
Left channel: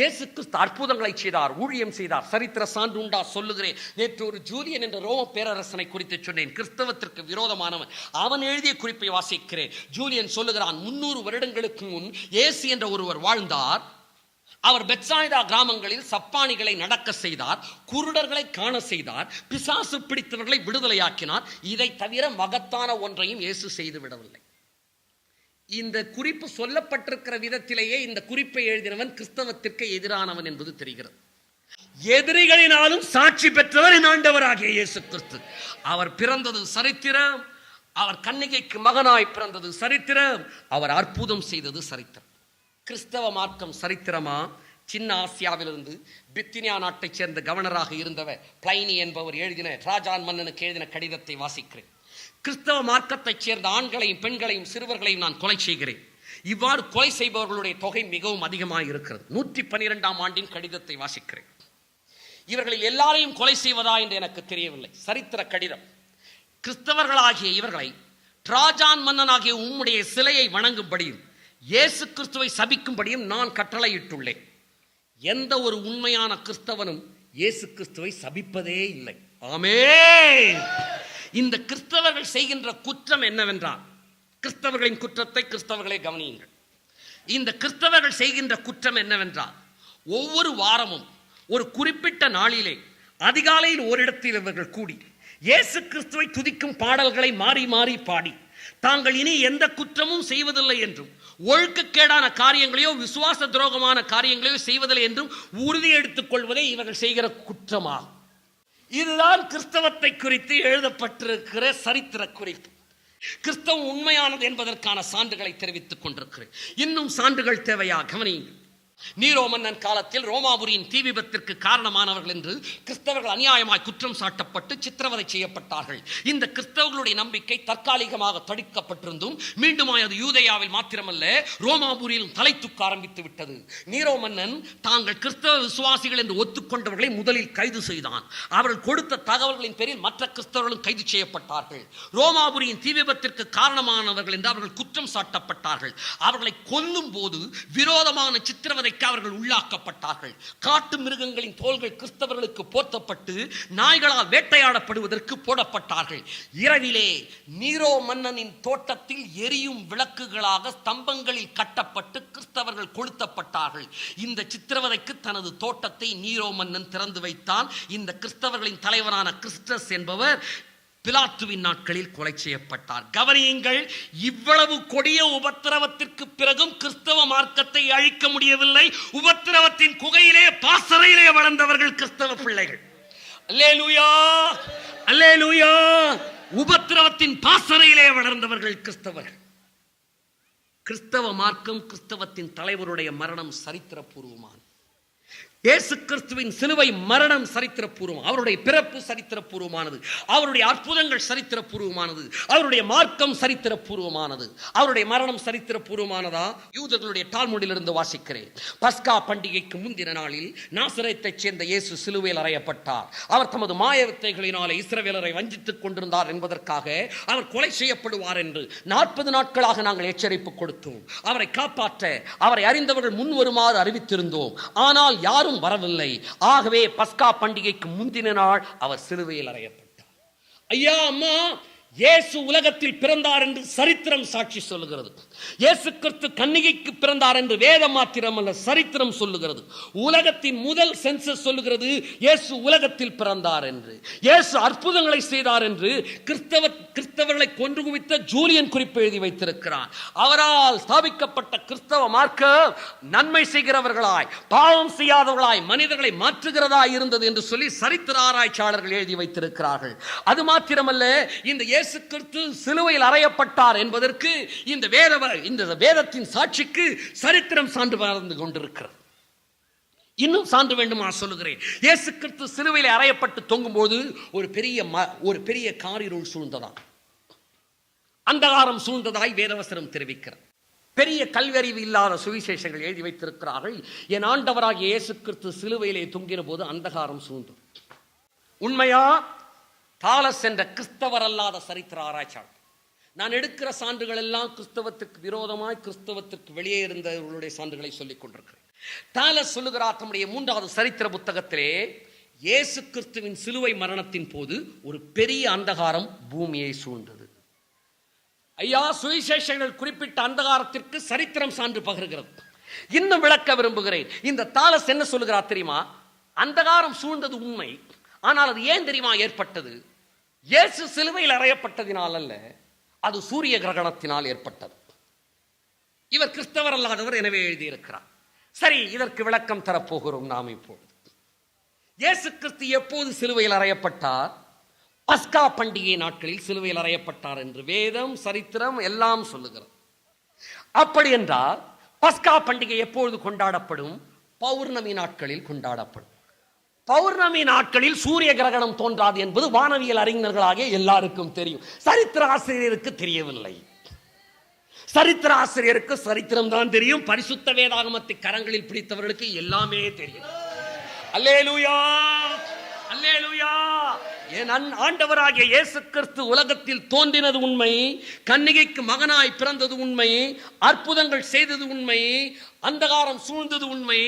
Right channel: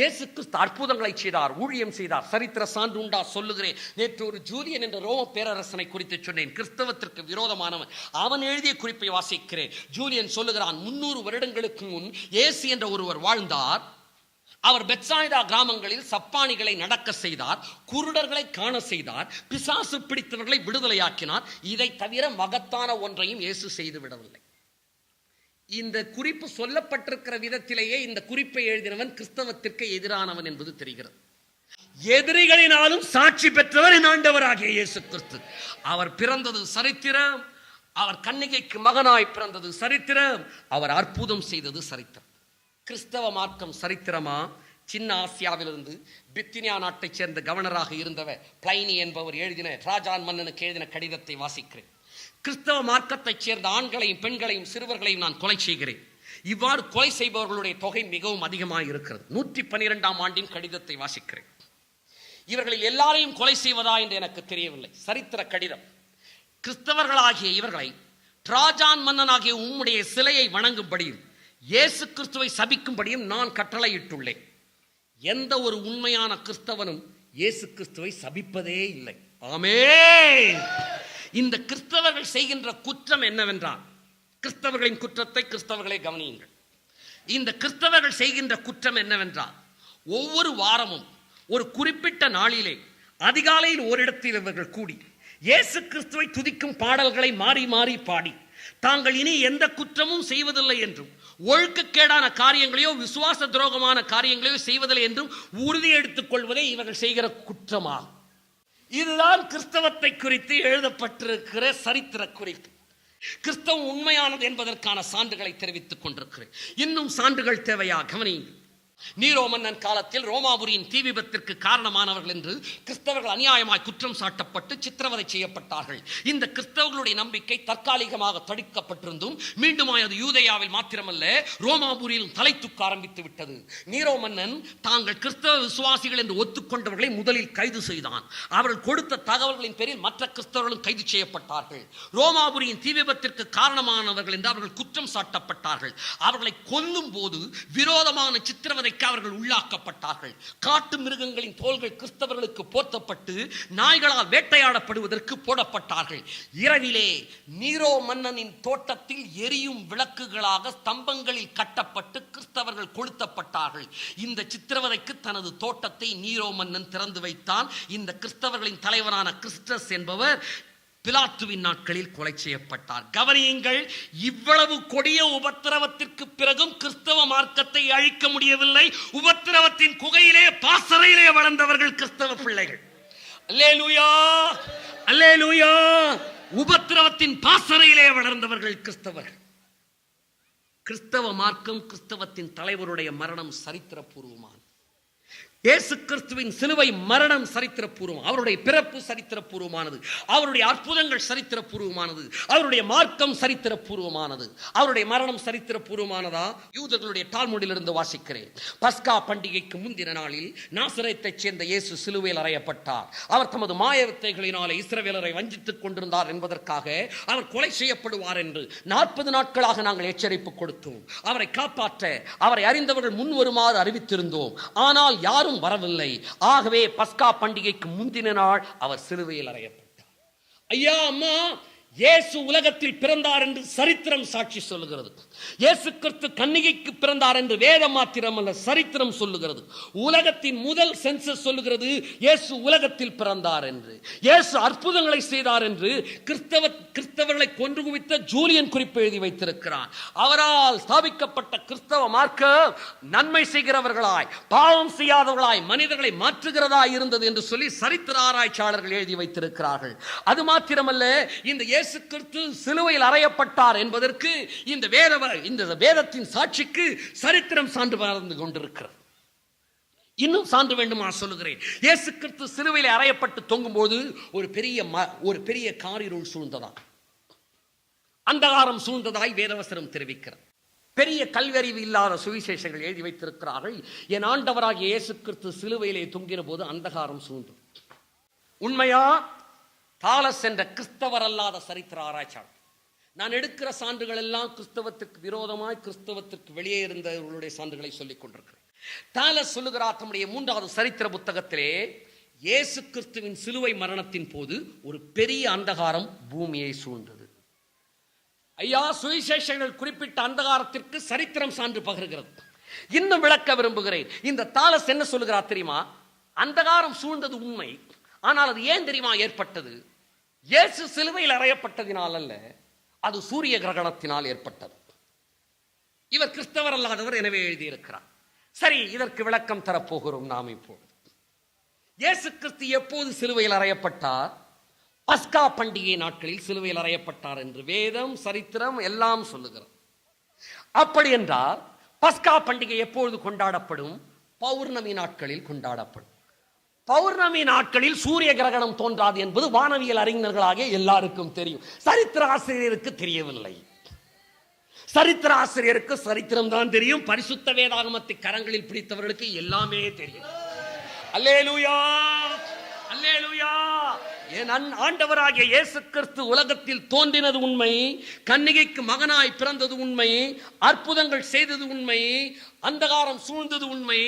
இயேசு கிறிஸ்து அற்புதங்களை செய்தார், ஊழியம் செய்தார். சரித்திர சான்று உண்டா சொல்லுகிறேன். நேற்று ஒரு ஜூலியன் என்ற ரோம பேரரசனை குறித்து சொன்னேன், கிறிஸ்தவத்திற்கு விரோதமானவன். அவன் எழுதிய குறிப்பை வாசிக்கிறேன். ஜூலியன் சொல்லுகிறான் 300 வருடங்களுக்கு முன் இயேசு என்ற ஒருவர் வாழ்ந்தார். அவர் பெத்சாய்தா கிராமங்களில் சப்பானிகளை நடக்க செய்தார், குருடர்களை காண செய்தார், பிசாசு பிடித்தவர்களை விடுதலையாக்கினார். இதை தவிர மகத்தான ஒன்றையும் இயேசு செய்து விடவில்லை. இந்த குறிப்பு சொல்லப்பட்டிருக்கிற விதத்திலேயே இந்த குறிப்பை எழுதினவன் கிறிஸ்தவத்திற்கு எதிரானவன் என்பது தெரிகிறது. எதிரிகளினாலும் சாட்சி பெற்றவர் என் ஆண்டவராகிய இயேசு கிறிஸ்து. அவர் பிறந்தது சரித்திரம். அவர் கன்னிகைக்கு மகனாய் பிறந்தது சரித்திரம். அவர் அற்புதம் செய்தது சரித்திரம். கிறிஸ்தவ மார்க்கம் சரித்திரமா? சின்ன ஆசியாவிலிருந்து பித்தினியா நாட்டைச் சேர்ந்த கவர்னராக இருந்தவர் பிளைனி என்பவர் எழுதின ராஜான் மன்னனுக்கு எழுதின கடிதத்தை வாசிக்கிறேன். கிறிஸ்தவ மார்க்கத்தைச் சேர்ந்த ஆண்களையும் பெண்களையும் சிறுவர்களையும் நான் கொலை செய்கிறேன். இவ்வாறு கொலை செய்பவர்களுடைய தொகை மிகவும் அதிகமாக இருக்கிறது. 112ஆம் ஆண்டின் கடிதத்தை வாசிக்கிறேன். இவர்களில் எல்லாரையும் கொலை செய்வதா என்று எனக்கு தெரியவில்லை. சரித்திர கடிதம். கிறிஸ்தவர்களாகிய இவர்களை ராஜான் மன்னனாகிய உம்முடைய சிலையை வணங்கும்படியும் இயேசு கிறிஸ்துவை சபிக்கும்படியும் நான் கட்டளையிட்டுள்ளேன். எந்த ஒரு உண்மையான கிறிஸ்தவனும் இயேசு கிறிஸ்துவை சபிப்பதே இல்லை. ஆமென். இந்த கிறிஸ்தவர்கள் செய்கின்ற குற்றம் என்னவென்றால், கிறிஸ்தவர்களின் குற்றத்தை கிறிஸ்தவர்களை கவனியுங்கள். இந்த கிறிஸ்தவர்கள் செய்கின்ற குற்றம் என்னவென்றால், ஒவ்வொரு வாரமும் ஒரு குறிப்பிட்ட நாளிலே அதிகாலையில் ஓரிடத்தில் இவர்கள் கூடி இயேசு கிறிஸ்துவை துதிக்கும் பாடல்களை மாறி மாறி பாடி தாங்கள் இனி எந்த குற்றமும் செய்வதில்லை என்றும் ஒழுக்கக்கேடான காரியங்களையோ விசுவாச துரோகமான காரியங்களையோ செய்வதில்லை என்றும் உறுதி எடுத்துக் கொள்வதே இவர்கள் செய்கிற குற்றமாகும். இதுதான் கிறிஸ்தவத்தை குறித்து எழுதப்பட்டிருக்கிற சரித்திர குறிப்பு. கிறிஸ்தவம் உண்மையானது என்பதற்கான சான்றுகளை தெரிவித்துக் கொண்டிருக்கிறேன். இன்னும் சான்றுகள் தேவையா? கவனியுங்கள். நீரோ மன்னன் காலத்தில் ரோமாபுரியின் தீ விபத்திற்கு காரணமானவர்கள் என்று கிறிஸ்தவர்கள் அநியாயமாய் குற்றம் சாட்டப்பட்டு சித்திரவதை செய்யப்பட்டார்கள். இந்த கிறிஸ்தவர்களுடைய நம்பிக்கை தற்காலிகமாக தடுக்கப்பட்டிருந்தும் மீண்டும் அது யூதேயாவில் மாத்திரமல்ல ரோமாபுரியில் தலை தூக்க ஆரம்பித்து விட்டது. நீரோ மன்னன் தாங்கள் கிறிஸ்தவ விசுவாசிகள் என்று ஒத்துக்கொண்டவர்களை முதலில் கைது செய்தான். அவர்கள் கொடுத்த தகவல்களின் பேரில் மற்ற கிறிஸ்தவர்களும் கைது செய்யப்பட்டார்கள். ரோமாபுரியின் தீ விபத்திற்கு காரணமானவர்கள் என்று அவர்கள் குற்றம் சாட்டப்பட்டார்கள். அவர்களை கொல்லும் போது விரோதமான சித்திரவதை அவர்கள் உள்ளாக்கப்பட்டார்கள். காட்டு மிருகங்களின் தோள்கள் கிறிஸ்தவர்களுக்கு போர்த்தப்பட்டு நாய்களால் வேட்டையாடப்படுவதற்கு போடப்பட்டார்கள். இரவிலே நீரோ மன்னனின் தோட்டத்தில் எரியும் விளக்குகளாக ஸ்தம்பங்களில் கட்டப்பட்டு கிறிஸ்தவர்கள் கொளுத்தப்பட்டார்கள். இந்த சித்திரவதைக்கு தனது தோட்டத்தை நீரோ மன்னன் திறந்து வைத்தான். இந்த கிறிஸ்தவர்களின் தலைவரான கிறிஸ்டஸ் என்பவர் பிலாத்துவின் நாட்களில் கொலை செய்யப்பட்டார். கவனியுங்கள், இவ்வளவு கொடிய உபத்திரவத்திற்கு பிறகும் கிறிஸ்தவ மார்க்கத்தை அழிக்க முடியவில்லை. உபத்திரவத்தின் குகையிலே பாசறையிலே வளர்ந்தவர்கள் கிறிஸ்தவ பிள்ளைகள். அல்லேலூயா, அல்லேலூயா. உபத்திரவத்தின் பாசறையிலே வளர்ந்தவர்கள் கிறிஸ்தவர்கள். கிறிஸ்தவ மார்க்கம், கிறிஸ்தவத்தின் தலைவருடைய மரணம் சரித்திரபூர்வமானது. இயேசு கிறிஸ்துவின் சிலுவை மரணம் சரித்திரபூர்வம். அவருடைய பிறப்பு சரித்திரபூர்வமானது. அவருடைய அற்புதங்கள் சரித்திரபூர்வமானது. அவருடைய மார்க்கம் சரித்திரபூர்வமானது. அவருடைய மரணம் சரித்திரபூர்வமானதா? யூதர்களுடைய டால்முடிலிருந்து வாசிக்கிறேன். பஸ்கா பண்டிகைக்கு முந்தின நாளில் நாசரேத்தைச் சேர்ந்த இயேசு சிலுவையில் அறையப்பட்டார். அவர் தமது மாய வித்தைகளினாலே இஸ்ரவேலரை வஞ்சித்துக் கொண்டிருந்தார் என்பதற்காக அவர் கொலை செய்யப்படுவார் என்று 40 நாட்களாக நாங்கள் எச்சரிப்பு கொடுத்தோம். அவரை காப்பாற்ற அவரை அறிந்தவர்கள் முன் வருமாறு அறிவித்திருந்தோம். ஆனால் யாரும் வரவில்லை. ஆகவே பஸ்கா பண்டிகைக்கு முந்தின நாள் அவர் சிலுவையில் அறையப்பட்டார். ஐயா, அம்மா, இயேசு உலகத்தில் பிறந்தார் என்று சரித்திரம் சாட்சி சொல்லுகிறது. இயேசு கிறிஸ்து கன்னிகைக்கு பிறந்தார் என்று வேதம் மாத்திரம் அல்ல, சரித்திரம் சொல்லுகிறது. உலகத்தின் முதல் சென்சஸ் சொல்லுகிறது இயேசு உலகத்தில் பிறந்தார் என்று. இயேசு அற்புதங்களை செய்தார் என்று கிறிஸ்தவர்களை கொன்று குவித்த ஜூலியன் குறிப்பு எழுதி வைத்திருக்கிறார். அவரால் ஸ்தாபிக்கப்பட்ட கிறிஸ்தவ மார்க்கம் நன்மை செய்கிறவர்களாய், பாவம் செய்யாதவர்களாய், மனிதர்களை மாற்றுகிறதாய் இருந்தது என்று சொல்லி சரித்திர ஆராய்ச்சியாளர்கள் எழுதி வைத்திருக்கிறார்கள். அது மாத்திரமல்ல, இந்த இயேசு கிறிஸ்து சிலுவையில் அறையப்பட்டார் என்பதற்கு இந்த வேதத்தின் சாட்சிக்கு சரித்திரம் சான்று பகர்ந்து கொண்டிருக்கிறது. இன்னும் சான்று வேண்டுமா சொல்லுகிறேன். இயேசு கிறிஸ்து சிலுவையில் அறையப்பட்டு தொங்கும் போது ஒரு பெரிய காரிருள் சூழ்ந்ததா, அந்தகாரம் சூழ்ந்ததாய் வேதவசனம் தெரிவிக்கிறது. பெரிய கல்வியறிவு இல்லாத சுவிசேஷங்கள் எழுதி வைத்திருக்கிறார்கள். என் ஆண்டவராகிய இயேசு கிறிஸ்து சிலுவையிலே தொங்கின போது அந்தகாரம் சூழ்ந்தது. உண்மையா? தாலஸ் என்ற கிறிஸ்தவர் அல்லாத சரித்திர ஆராய்ச்சியாளர். நான் எடுக்கிற சான்றுகள் எல்லாம் கிறிஸ்தவத்துக்கு விரோதமாய், கிறிஸ்தவத்துக்கு வெளியே இருந்தவர்களுடைய சான்றுகளை சொல்லிக் கொண்டிருக்கிறேன். தாலஸ் சொல்லுகிறார் தம்முடைய 3வது சரித்திர புத்தகத்திலே, இயேசு கிறிஸ்துவின் சிலுவை மரணத்தின் போது ஒரு பெரிய அந்தகாரம் பூமியை சூழ்ந்தது. ஐயா, சுவிசேஷங்கள் குறிப்பிட்ட அந்தகாரத்திற்கு சரித்திரம் சான்று பகர்கிறது. இன்னும் விளக்க விரும்புகிறேன். இந்த தாலஸ் என்ன சொல்லுகிறார் தெரியுமா? அந்தகாரம் சூழ்ந்தது உண்மை. ஆனால் அது ஏன் தெரியுமா ஏற்பட்டது? இயேசு சிலுவையில் அறையப்பட்டதினால் அல்ல, அது சூரிய கிரகணத்தினால் ஏற்பட்டது. இவர் கிறிஸ்தவர் அல்லாதவர், எனவே எழுதியிருக்கிறார். சரி, இதற்கு விளக்கம் தரப்போகிறோம் நாம் இப்போது. இயேசு கிறிஸ்து எப்போது சிலுவையில் அறையப்பட்டார்? பஸ்கா பண்டிகை நாட்களில் சிலுவையில் அறையப்பட்டார் என்று வேதம், சரித்திரம் எல்லாம் சொல்லுகிறது. அப்படி என்றால் பஸ்கா பண்டிகை எப்பொழுது கொண்டாடப்படும்? பௌர்ணமி நாட்களில் கொண்டாடப்படும். பௌர்ணமி நாட்களில் சூரிய கிரகணம் தோன்றாது என்பது வானவியல் அறிஞர்களாக எல்லாருக்கும் தெரியும். சரித்திர ஆசிரியருக்கு தெரியவில்லை. சரித்திர ஆசிரியருக்கு சரித்திரம் தான் தெரியும். பரிசுத்த வேதாகமத்தை கரங்களில் பிடித்தவர்களுக்கு எல்லாமே தெரியும். அல்லேலூயா, அல்லேலூயா. என் ஆண்டவராகிய இயேசு கிறிஸ்து உலகத்தில் தோன்றினது உண்மை, கன்னிகைக்கு மகனாய் பிறந்தது உண்மை, அற்புதங்கள் செய்தது உண்மை, அந்தகாரம் சூழ்ந்தது உண்மை.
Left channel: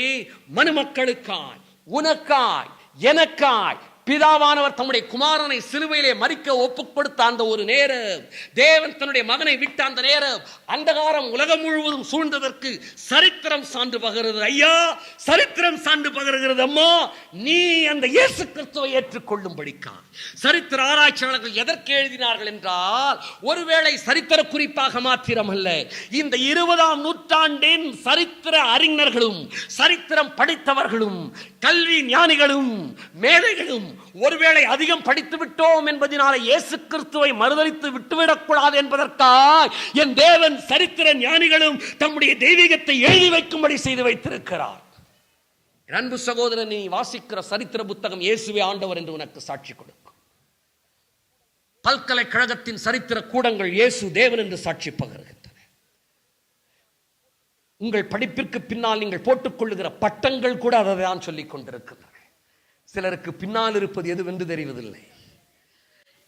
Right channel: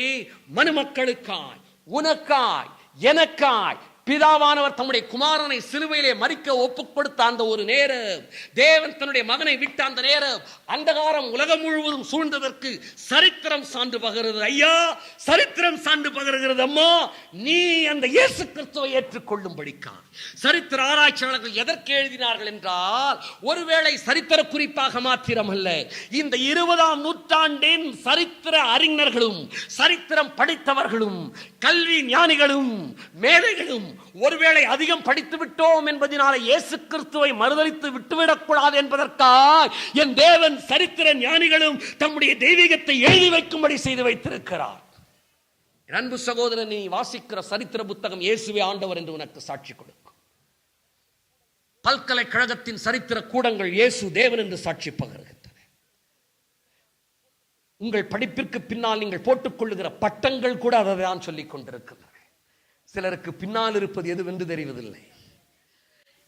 மனுமக்களுக்காய், உனக்காய், எனக்காய் பிதாவானவர் தம்முடைய குமாரனை சிலுவையிலே மரிக்க ஒப்புக் கொடுத்த அந்த ஒரு நேரம், தேவன் தன்னுடைய மகனை விட்ட அந்த நேரம், அந்தகாரம் உலகம் முழுவதும் சூழ்ந்ததற்கு சரித்திரம் சான்று பகருகிறது. ஐயா, சரித்திரம் சான்று பகருகிறது. அம்மா, நீ அந்த இயேசு கிறிஸ்துவை ஏற்றுக்கொள்ளும்படிக்கான். சரித்திர ஆராய்ச்சியாளர்கள் எதற்கு எழுதினார்கள் என்றால், ஒருவேளை சரித்திர குறிப்பாக மாத்திரமல்ல, இந்த 20ஆம் நூற்றாண்டின் சரித்திர அறிஞர்களும், சரித்திரம் படித்தவர்களும், கல்வி ஞானிகளும், மேதைகளும் ஒருவேளை அதிகம் படித்து விட்டோம் என்பதனால இயேசு கிறிஸ்துவை மறுதலித்து விட்டுவிடக் கூடாது என்பதற்காக என் தேவன் சரித்திர ஞானிகளும் தம்முடைய தெய்வீகத்தை எழுதி வைக்கும்படி செய்து வைத்திருக்கிறார். அன்பு சகோதரன், நீ வாசிக்கிற சரித்திர புத்தகம் இயேசுவே ஆண்டவர் என்று உனக்கு சாட்சி கொடுக்கும். பல்கலைக்கழகத்தின் சரித்திர கூடங்கள் இயேசு தேவன் என்று சாட்சி பகர்கின்றன. உங்கள் படிப்பிற்கு பின்னால் நீங்கள் போட்டுக் கொள்ளுகிற பட்டங்கள் கூட அதை தான் சொல்லிக் கொண்டிருக்கின்றன. சிலருக்கு பின்னால் இருப்பது எதுவென்று தெரிவதில்லை.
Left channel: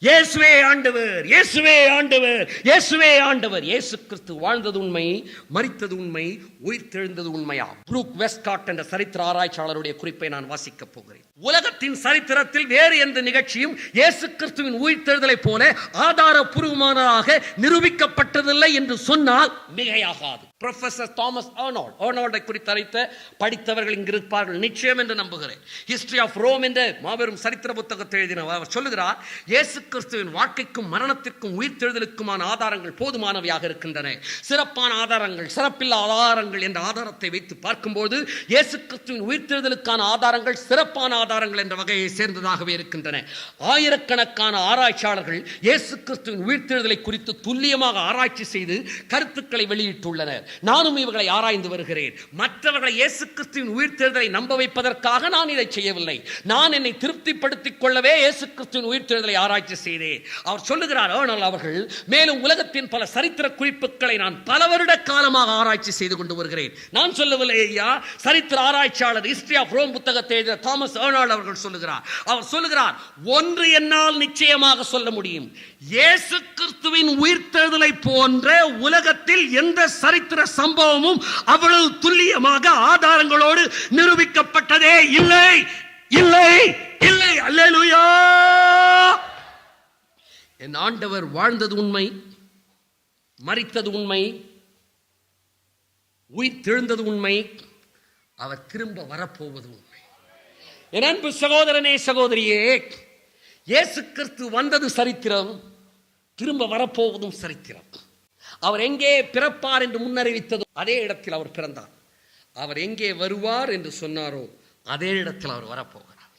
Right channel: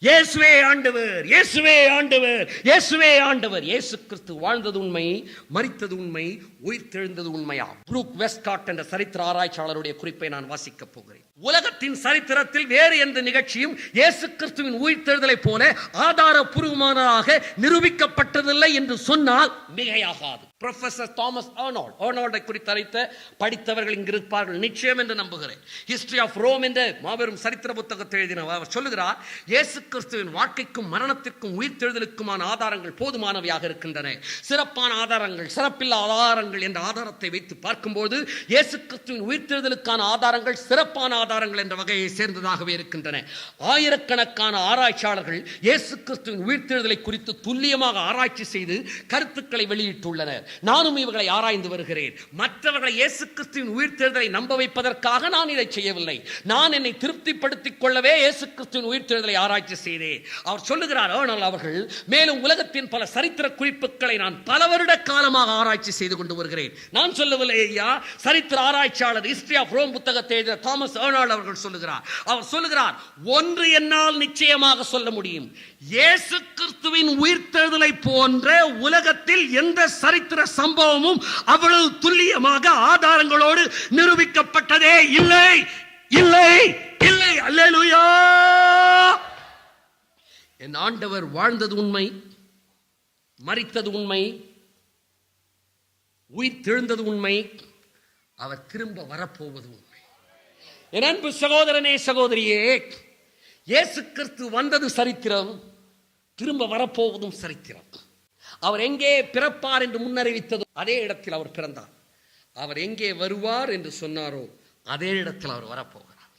இயேசுவே ஆண்டவர், இயேசுவே ஆண்டவர், இயேசுவே ஆண்டவர். இயேசு கிறிஸ்து வாழ்ந்தது உண்மை, மரித்தது உண்மை, உயிர்த்தெழுந்தது உண்மையா? புரூக் வெஸ்ட்காட் என்ற சரித்திர ஆராய்ச்சியாளருடைய குறிப்பை நான் வாசிக்கப் போகிறேன். உலகத்தின் சரித்திரத்தில் வேறு எந்த நிகழ்ச்சியும் இயேசு கிறிஸ்துவின் உயிர்த்தெழுதலை போல ஆதாரபூர்வமானதாக நிரூபிக்கப்பட்டதில்லை என்று சொன்னால் மிகையாகாது. புரொஃபசர் தாமஸ் ஆர்னால்டை குறித்து படித்தவர்கள் இங்கு இருப்பார்கள் நிச்சயம் என்று நம்புகிறேன். ஹிஸ்டரி ஆஃப் ரோம் என்ற மாபெரும் சரித்திர புத்தகத்தை எழுதினவர் அவர் சொல்லுகிறார், இயேசு கிறிஸ்துவின் வாழ்க்கைக்கும் மரணத்திற்கும் உயிர்த்தெழுதலுக்குமான ஆதாரங்கள் போதுமானவையாக இருக்கின்றன. சிறப்பான ஆதாரங்கள், சிறப்பில்லா ஆதாரங்கள் என்ற ஆதாரத்தை வைத்து பார்க்கும்போது இயேசு கிறிஸ்துவின் உயிர்த்தெழுதலுக்கான ஆதாரங்கள் சிறப்பான ஆதாரங்கள் என்ற வகையை சேர்ந்ததாகவே இருக்கின்றன. ஆயிரக்கணக்கான ஆராய்ச்சியாளர்கள் இயேசு கிறிஸ்துவின் உயிர்த்தெழுதலை குறித்து துல்லியமாக ஆராய்ச்சி செய்து கருத்துக்களை வெளியிட்டுள்ளனர். நானும் இவர்களை ஆராய்ந்து வருகிறேன். மற்றவர்களை இயேசு கிறிஸ்துவின் உயிர்த்தெழுதலை நம்ப வைப்பதற்காக நான் இதை செய்யவில்லை. நான் என்னை திருப்திப்படுத்திக் கொள்ளவே இயேசு கிறிஸ்துவின் உயிர்த்தெழுதலை ஆராய்ச்சி செய்தேன். அவர் சொல்லுகிறார், ஆனால் அவர்கள் மேலும் உலகத்தின் பல சரித்திர குறிப்புகளை நான் பல வருட காலமாக ஆராய்ச்சி செய்து கொண்டு வருகிறேன். நான் சொல்லவில்லை ஐயா, சரித்திர ஆராய்ச்சியாளர் ஹிஸ்டரி ஆஃப் ரோம் புத்தகத்தை எழுதிய தாமஸ் ஆர்னால்ட் அவர்கள் சொல்லுகிறார். அவர் சொல்லுகிறார், ஒன்று என்னால் நிச்சயமாக சொல்ல முடியும், இயேசு கிறிஸ்துவின் உயிர்த்தெழுதலை போன்ற உலகத்தில் எந்த சரித்திர சம்பவமும் அவ்வளவு துல்லியமாக ஆதாரங்களோடு நிரூபிக்கப்பட்டதே இல்லை, இல்லை, இல்லை. அல்லேலூயா. என் ஆண்டவர் வாழ்ந்தது உண்மை, மரித்தது உண்மை, உயிர்த்தெழுந்தது உண்மை, அவர் திரும்ப வரப்போவது உண்மை. என் அன்பு சகோதரனே, சகோதரியே, இயேசு கிறிஸ்து வந்தது சரித்திரம், திரும்ப வரப்போவதும் சரித்திரம். அவர் எங்கே பிறப்பார் என்று முன்னறிவித்ததோ அதே இடத்தில் அவர் பிறந்தார். அவர் எங்கே வருவார் என்று சொன்னாரோ அதே இடத்தில் அவர் வரப்போகிறார்.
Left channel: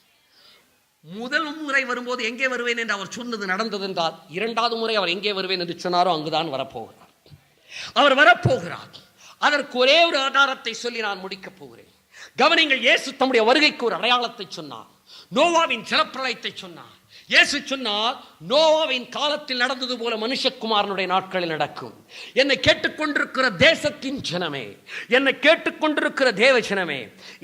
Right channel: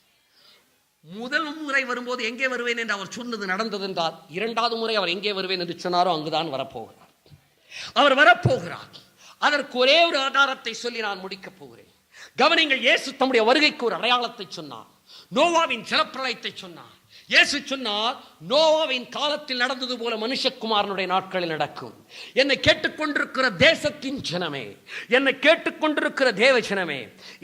முதல் முறை வரும்போது எங்கே வருவேன் என்று அவர் சொன்னது நடந்தது என்றால், இரண்டாவது முறை அவர் எங்கே வருவேன் என்று சொன்னாரோ அங்குதான் வரப்போகிறார். அவர் வரப்போகிறார். அதற்கு ஒரே ஒரு ஆதாரத்தை சொல்லி நான் முடிக்கப் போகிறேன். கவனிங்கள், இயேசு தம்முடைய வருகைக்கு ஒரு அடையாளத்தை சொன்னார். நோவாவின் ஜலப்பிரளயத்தை சொன்னார். இயேசு சொன்னார், நோவாவின் காலத்தில் நடந்தது போல மனுஷகுமாரனுடைய நாட்களில் நடக்கும். என்னை கேட்டுக்கொண்டிருக்கிற தேசத்தின் ஜனமே, என்னை கேட்டுக்கொண்டிருக்கிற தேவ ஜனமே,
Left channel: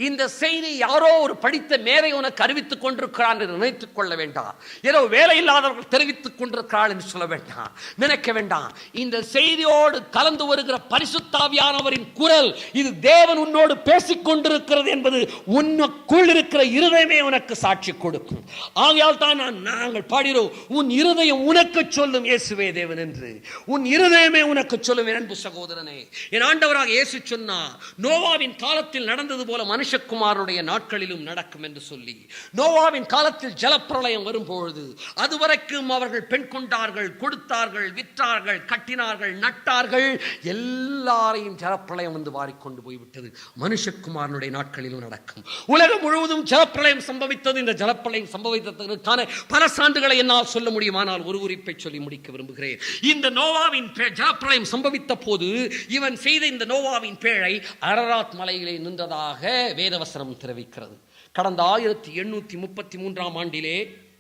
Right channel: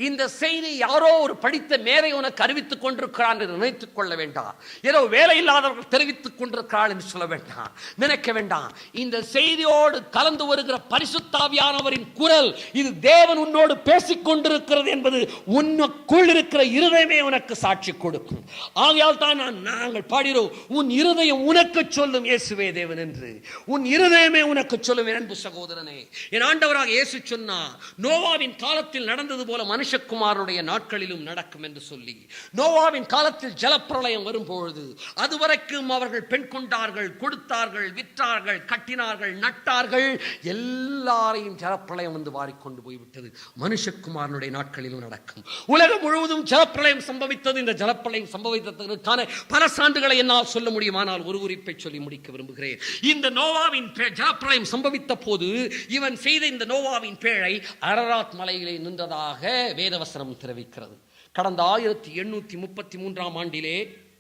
இந்த செய்தி யாரோ ஒரு படித்த மேதை உனக்கு அறிவித்துக் கொண்டிருக்கிறார் என்று நினைத்துக் கொள்ள வேண்டாம். ஏதோ வேலை இல்லாதவர்கள் தெரிவித்துக் கொண்டிருக்கிறார் என்று சொல்ல வேண்டாம், நினைக்க வேண்டாம். இந்த செய்தியோடு கலந்து வருகிற பரிசுத்தாவியானவரின் குரல், இது தேவன் உன்னோடு பேசிக் கொண்டிருக்கிறது என்பது உனக்குள் இருக்கிற இருதயமே உனக்கு சாட்சி கொடுக்கும். ஆகையால் தான் நாங்கள் பாடுகிறோம், உன் இருதயம் உனக்கு சொல்லும் இயேசுவே தேவன் என்று. உன் இருதயமே உனக்கு சொல்லும். என் அன்பு சகோதரனே, என் ஆண்டவராக இயேசு சொன்னார், நோவாவின் காலத்தில் நடந்தது போல மனுஷகுமாரனுடைய நாட்களிலும் நடக்கும் என்று சொல்லி. நோவாவின் காலத்தில் ஜலப்பிரளயம் வரும்பொழுது அதுவரைக்கும் அவர்கள் பெண் கொண்டார்கள், கொடுத்தார்கள், விற்றார்கள், கட்டினார்கள், நட்டார்கள், எல்லாரையும் ஜலப்பிரளயம் வந்து வாரிக்கொண்டு போய்விட்டது. மனுஷகுமாரனுடைய நாட்களிலும் நடக்கும். உலகம் முழுவதும் ஜலப்பிரளயம் சம்பவித்தது. இந்த ஜலப்பிரளயம் சம்பவித்ததற்கான பல சான்றுகளை என்னால் சொல்ல முடியுமானால் ஒரு குறிப்பை சொல்லி முடிக்க விரும்புகிறேன். இந்த நோவாவின் ஜலப்பிரளயம் சம்பவித்த போது இவன் செய்த இந்த நோவாவின் பேழை அரராத் மலையிலே நின்றதாக வேதவசனம் தெரிவிக்கிறது. கடந்த 1833 ஆண்டிலே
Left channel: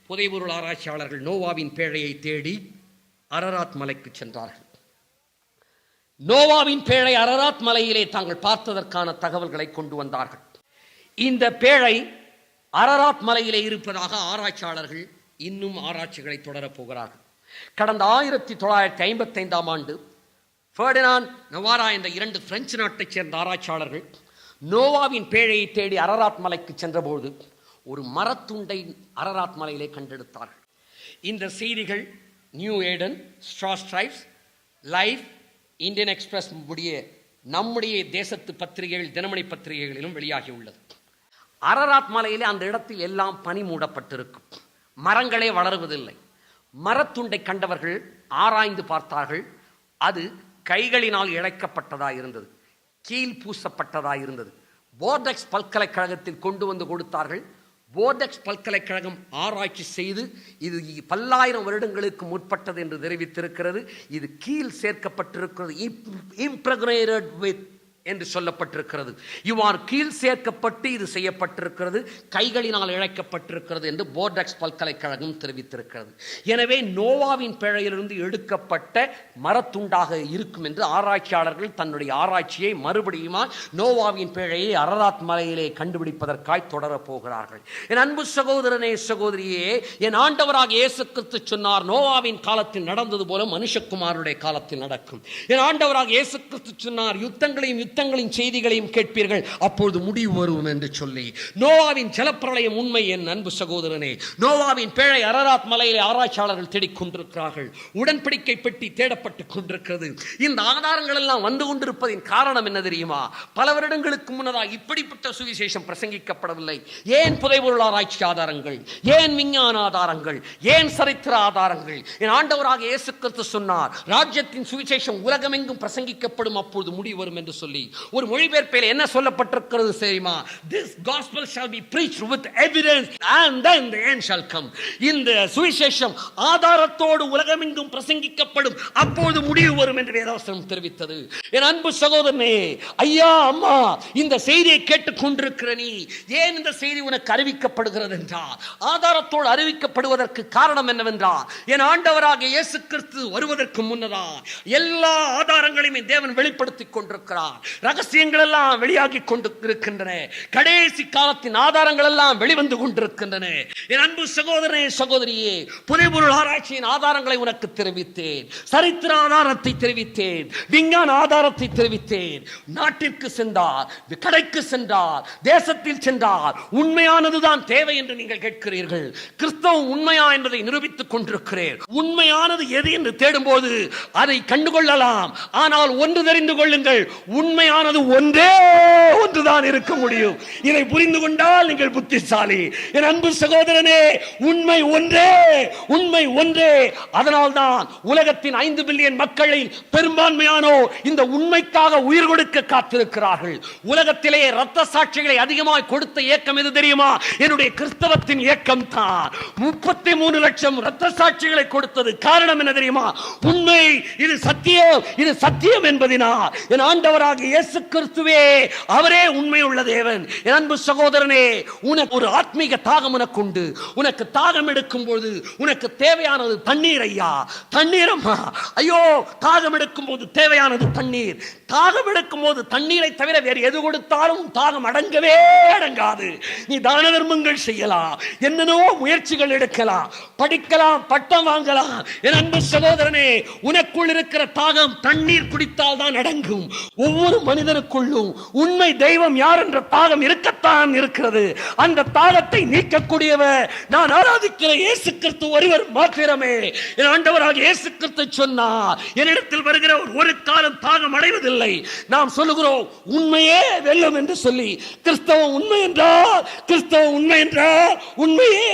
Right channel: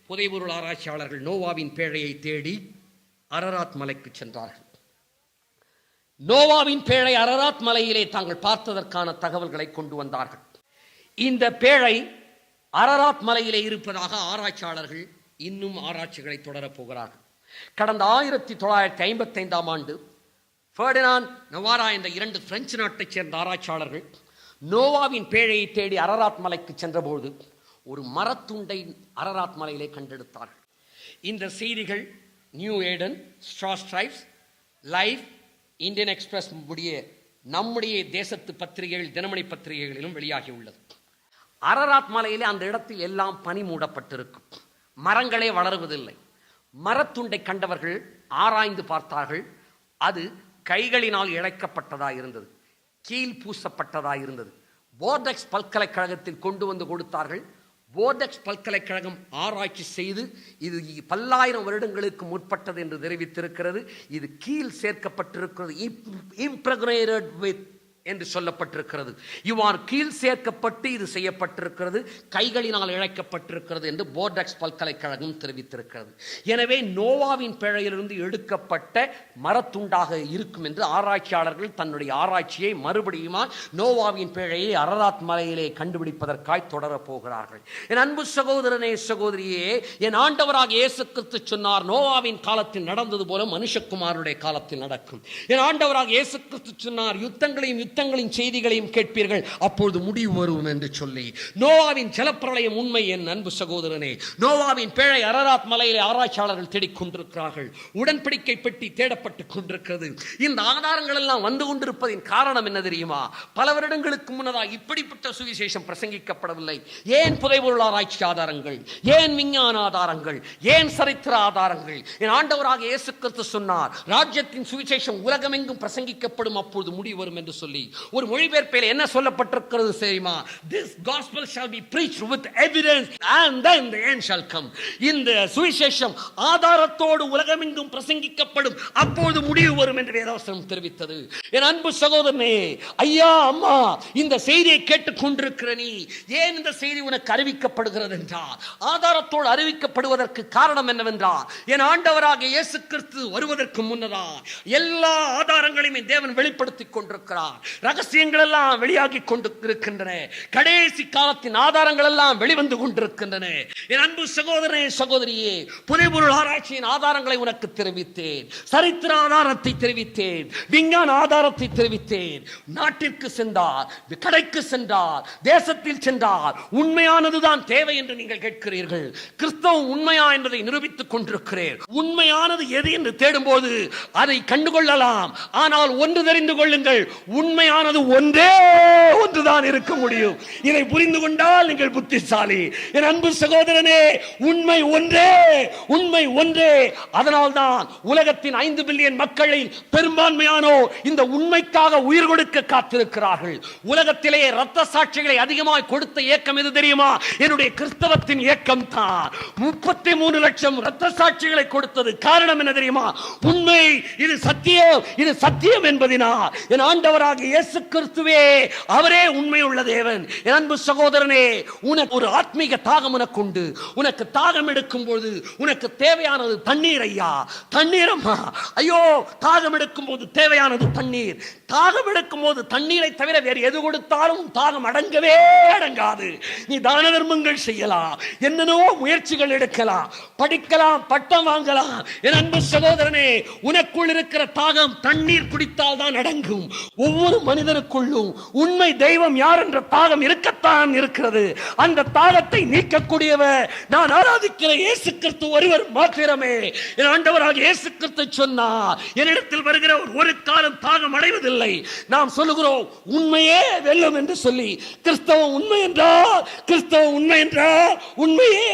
புதைபொருள் ஆராய்ச்சியாளர்கள் நோவாவின் பேழையை தேடி அரராத் மலைக்கு சென்றார்கள். நோவாவின் பேழை அரராத் மலையிலே தாங்கள் பார்த்ததற்கான தகவல்களை கொண்டு வந்தார்கள். இந்த பேழை அரராத் மலையிலே இருப்பதாக ஆராய்ச்சியாளர்கள் இன்னும் ஆராய்ச்சிகளை தொடரப் போகிறார்கள். கடந்த 1955 ஆண்டு ஃபெர்டினாண்ட் நவாரா என்ற 2 பிரெஞ்சு நாட்டைச் சேர்ந்த ஆராய்ச்சியாளர்கள் நோவாவின் பேழையை தேடி அரராத் மலைக்கு சென்றபோது ஒரு மரத்துண்டை அரராத் மலையிலே கண்டெடுத்தார்கள். இந்த செய்திகள் நியூ ஏடன், ஸ்ட்ரா ஸ்ட்ரைப்ஸ், லைஃப், இந்தியன் எக்ஸ்பிரஸ் உடைய நம்முடைய தேசத்து பத்திரிகைகள், தினமணி பத்திரிகைகளிலும் வெளியாகி உள்ளது. அரராத் மலையிலே அந்த இடத்தில் எல்லாம் பனி மூடப்பட்டிருக்கும், மரங்களே வளருவதில்லை. மரத்துண்டை கண்டவர்கள் ஆராய்ந்து பார்த்தார்கள். அது கைகளினால் இழைக்கப்பட்டதாக இருந்தது, கீழ் பூசப்பட்டதாக இருந்தது. போர்டெக்ஸ் பல்கலைக்கழகத்தில் கொண்டு வந்து கொடுத்தார்கள். போர்டெக்ஸ் பல்கலைக்கழகம் ஆராய்ச்சி செய்து இது பல்லாயிரம் வருடங்களுக்கு முற்பட்டது என்று தெரிவித்திருக்கிறது. இது கீழ் சேர்க்கப்பட்டிருக்கிறது, இம்ப்ரெக்னேட்டட் வித் என்று சொல்லப்பட்டிருக்கிறது. இவ்வாறு கீழ் சேர்க்கப்பட்டு இது செய்யப்பட்டிருக்கிறது, கைகளினால் இழைக்கப்பட்டிருக்கிறது என்று போர்டெக்ஸ் பல்கலைக்கழகம் தெரிவித்திருக்கிறது. எனவே நோவாவின் பேழையிலிருந்து எடுக்கப்பட்ட மரத்துண்டாக இருக்கும் என்று ஆராய்ச்சியாளர்கள் தன்னுடைய ஆராய்ச்சியை மறுபடியும் நோவாவின் பேழையை அரராத் மலையிலே கண்டுபிடிப்பதற்காய் தொடரப் போகிறார்கள். என் அன்பு சகோதரனே, சகோதரியே, என் ஆண்டவராக இயேசு கிறிஸ்து சொன்னார், நோவாவின் காலத்தில் நடந்தது போல மனுஷகுமாரனுடைய காலத்தில் நடக்கும். என் ஆண்டவராக இயேசு கிறிஸ்து சொன்னார், யுத்தங்களையும் யுத்தங்களின் செய்திகளையும் கேட்பீர்கள், அப்பொழுது முடிவு வரும் என்று சொல்லி. நோவாவின் ஜலப்பிரளயம் உண்மை என் அன்பு சகோதரனே. நோவாவின் பேழை அரராத் மலையிலே ஆராய்ச்சியாளர்கள் தேடிக் கொண்டிருக்கிறார்கள். உடன்படிக்கை பெட்டி தேடப்பட்டுக் கொண்டிருக்கிறது. இந்த ஆதாரங்கள் எல்லாம் வந்து கொண்டிருப்பதின் காரணம் என்ன தெரியுமா? பல வருடங்களுக்கு முன்னதாக இப்படிப்பட்ட சுவிசேஷம் பிரசங்கிக்கப்படவில்லை. ஏன் புதைபொருள் ஆராய்ச்சி ஆதாரங்கள், ஏன் விஞ்ஞான ஆதாரங்கள், ஏன் சரித்திர ஆதாரங்கள்? என் ஆண்டவராக இயேசு கிறிஸ்து சொன்னார், ராஜ்யத்தின் சுவிசேஷம் உலகமெங்கும் பிரசங்கிக்கப்படும், அப்பொழுது முடிவு வரும் என்று சொல்லி. ஒரு மொழிபெயர்ப்பில் என்ன சொல்லப்பட்டிருக்கிறது தெரியுமா? This gospel shall be preached with evidence and then the end shall come. இந்த சுவிசேஷம் ஆதாரத்தோடு உலகமெங்கும் பிரசங்கிக்கப்படும், அப்போது முடிவு வரும் என்று வேதவசனம் தெரிவித்தது. என் அன்பு சகோதரனே, ஐயா அம்மா, இந்த செய்தியை கேட்டுக் கொண்டிருக்கிற நீ, ஏன் இந்த செய்தி உனக்கு அறிவிக்கப்படுகிறது என்றால், ஆதாரத்தோடு அறிவிக்கப்படுவதற்கு காரணம் என்னவென்றால், என் ஆண்டவராக இயேசு கிறிஸ்து வருவதற்கு முன்னதா எல்லா ஆதாரங்களையும் தேவன் வெளிப்படுத்திக் கொண்டிருக்கிறார். ரகசியங்கள் எல்லாம் வெளியாகி கொண்டிருக்கின்றன. கடைசி காலத்தின் ஆதாரங்கள் எல்லாம் வெளிவந்து கொண்டிருக்கின்றன. என் அன்பு சகோதரனே, சகோதரியே, புதைபொருள் ஆராய்ச்சியின் ஆதாரங்களை உனக்கு தெரிவித்தேன், சரித்திர ஆதாரத்தை தெரிவித்தேன், விஞ்ஞான ஆதாரத்தை தெரிவித்தேன். நாட்டிற்கு சென்றார், கடைக்கு சென்றார், தேசத்தில் சென்றார், உண்மையானதுதான் தேவை என்று நீங்கள் கேட்கிறீர்கள். கிறிஸ்தவம் உண்மையா என்பதை நிரூபித்துக் கொண்டிருக்கிறேன். உண்மையானது எது என்று தேடும்போது அதை கண்டுகொள்ளலாம். ஆனால் ஒன்று தெரிந்து கொள்ளுங்கள், உண்மையானது ஒன்றே ஒன்றுதான் இருக்க முடியும். இதை புரிந்து கொண்டால் நீங்கள் புத்திசாலி. என் அன்பு சகோதரனே, உண்மை ஒன்றே, உண்மை ஒன்றே. அதனால்தான் உலகத்தின் 5 பில்லியன் மக்களில் பெரும்பான்மையானோ இந்த உண்மைக்காக உயிர் கொடுக்க காத்திருக்கிறார்கள். உலகத்திலேயே ரத்த சாட்சிகளை அதிகமாக கொடுத்த இயக்கம் எது தெரியுமா? என்னுடைய கிறிஸ்தவத்தின் இயக்கம் தான். 33 லட்சம் ரத்த சாட்சிகளை கொடுத்தது. காரணம் என்ன தெரியுமா? உண்மை, இது சத்தியம், இது சத்தியம் என்பதினால். என் ஆண்டவராக இயேசு கிறிஸ்துவே, அவரே உண்மை உள்ள தேவன். என் அன்பு சகோதரனே, உனக்கு ஒரு ஆத்மீக தாகம் உனக்கு உண்டு. உனக்கு தாகம் எடுக்கும் போது உனக்கு தேவையானது தண்ணீர். ஐயா, தண்ணீரம்மா, ஐயோ, தாகம் எடுக்கும் போது தேவையானது தண்ணீர். தாகம் எடுக்கும் போது தண்ணீரை தவிர வேறு எது கொடுத்தாலும் தாகம் அடங்கவே அடங்காது. நீ தான தர்மங்கள் செய்யலாம், என்னென்னவோ முயற்சிகள் எடுக்கலாம், படிக்கலாம், பட்டம் வாங்கலாம். என் அன்பு சகோதரனே, உனக்குள் இருக்கிற தாகம் தண்ணீர் குடித்தால் தான் அடங்கும். ஒவ்வொரு மனிதனுக்குள்ளும் உண்மை தெய்வம் யார் என்ற தாகம் இருக்கத்தான் இருக்கிறது. அந்த தாகத்தை நீக்கக்கூடியவர் நான் ஆராதிக்கிற இயேசு கிறிஸ்து ஒருவர் மாத்திரமே. என் ஆண்டவராக இயேசு கிறிஸ்து சொன்னார், என்னிடத்தில் வருகிற ஒரு காலம் தாகம் அடைவதில்லை. நாம் சொல்லுகிறோம் உண்மையே வெல்லும் என்று சொல்லி. கிறிஸ்தவம் உண்மை என்றால், கிறிஸ்தவம் உண்மை என்றால் உண்மையே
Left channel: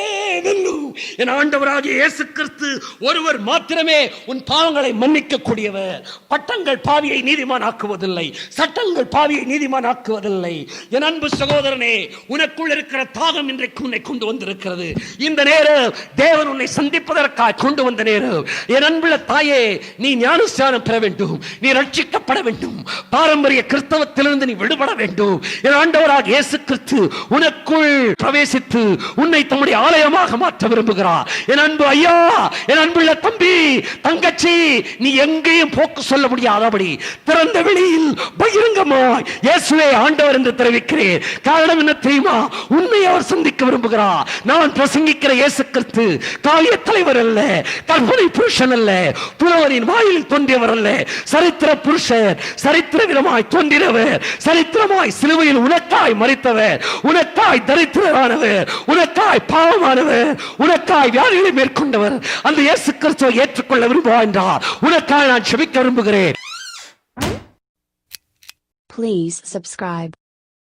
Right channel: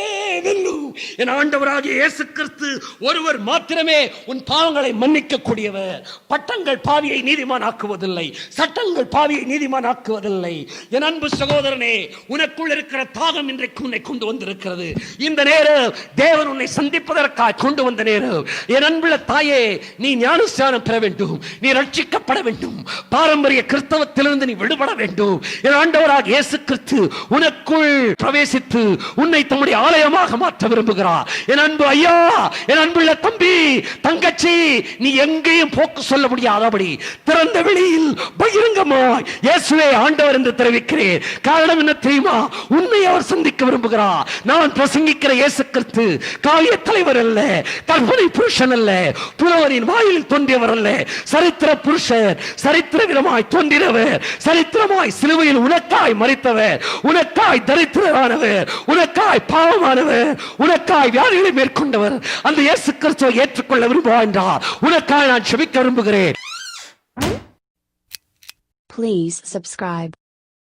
வெல்லும். என் ஆண்டவராக இயேசு கிறிஸ்து ஒருவர் மாத்திரமே உன் பாவங்களை மன்னிக்க கூடியவர். பட்டங்கள் பாவியை நீதிமான் ஆக்குவதில்லை, சட்டங்கள் பாவியை நீதிமான் ஆக்குவதில்லை. என் அன்பு சகோதரனே, உனக்குள் இருக்கிற தாகம் இன்றைக்கு உன்னை கொண்டு வந்திருக்கிறது. இந்த நேரம் தேவன் உன்னை சந்திப்பதற்காக கொண்டு வந்த நேரம். என் அன்புள்ள தாயே, நீ ஞானஸ்நானம் பெற வேண்டும், நீ ரட்சிக்கப்பட வேண்டும், பாரம்பரிய கிறிஸ்தவத்திலிருந்து நீ விடுபட வேண்டும். என் ஆண்டவராக இயேசு கிறிஸ்து உனக்குள் பிரவேசித்து உன்னை தம்முடைய ஆலயமாக மாற்ற விரும்புகிறார். என் அன்பு ஐயா, என் அன்புள்ள தம்பி, தங்கச்சி, நீ எங்கேயும் போக்கு சொல்ல முடியாதபடி திறந்த வெளியில் பகிரங்கமாய் இயேசுவே ஆண்டவர் என்று தெரிவிக்கிறேன். காரணம் என்ன தெரியுமா? உன்னை அவர் சந்திக்க விரும்புகிறார். நான் பிரசங்கிக்கிற இயேசு கிறிஸ்து காலிய தலைவர் அல்ல, கற்பனை புருஷன் அல்ல, துறவரின் வாயிலில் தோன்றியவர் அல்ல, சரித்திர புருஷர், சரித்திர விதமாய் தோன்றினவர், சரித்திரமாய் சிலுவையில் உனக்காய் மரித்தவர், உனக்காய் தரித்திரரானவர், உனக்காய் பாவமானவர், உனக்காய் வியாதிகளை மேற்கொண்டவர். அந்த இயேசு கிறிஸ்துவை ஏற்றுக்கொள்ள விரும்புவார் என்றார். உனக்காக நான் செபிக்க விரும்புகிறேன். Please subscribe.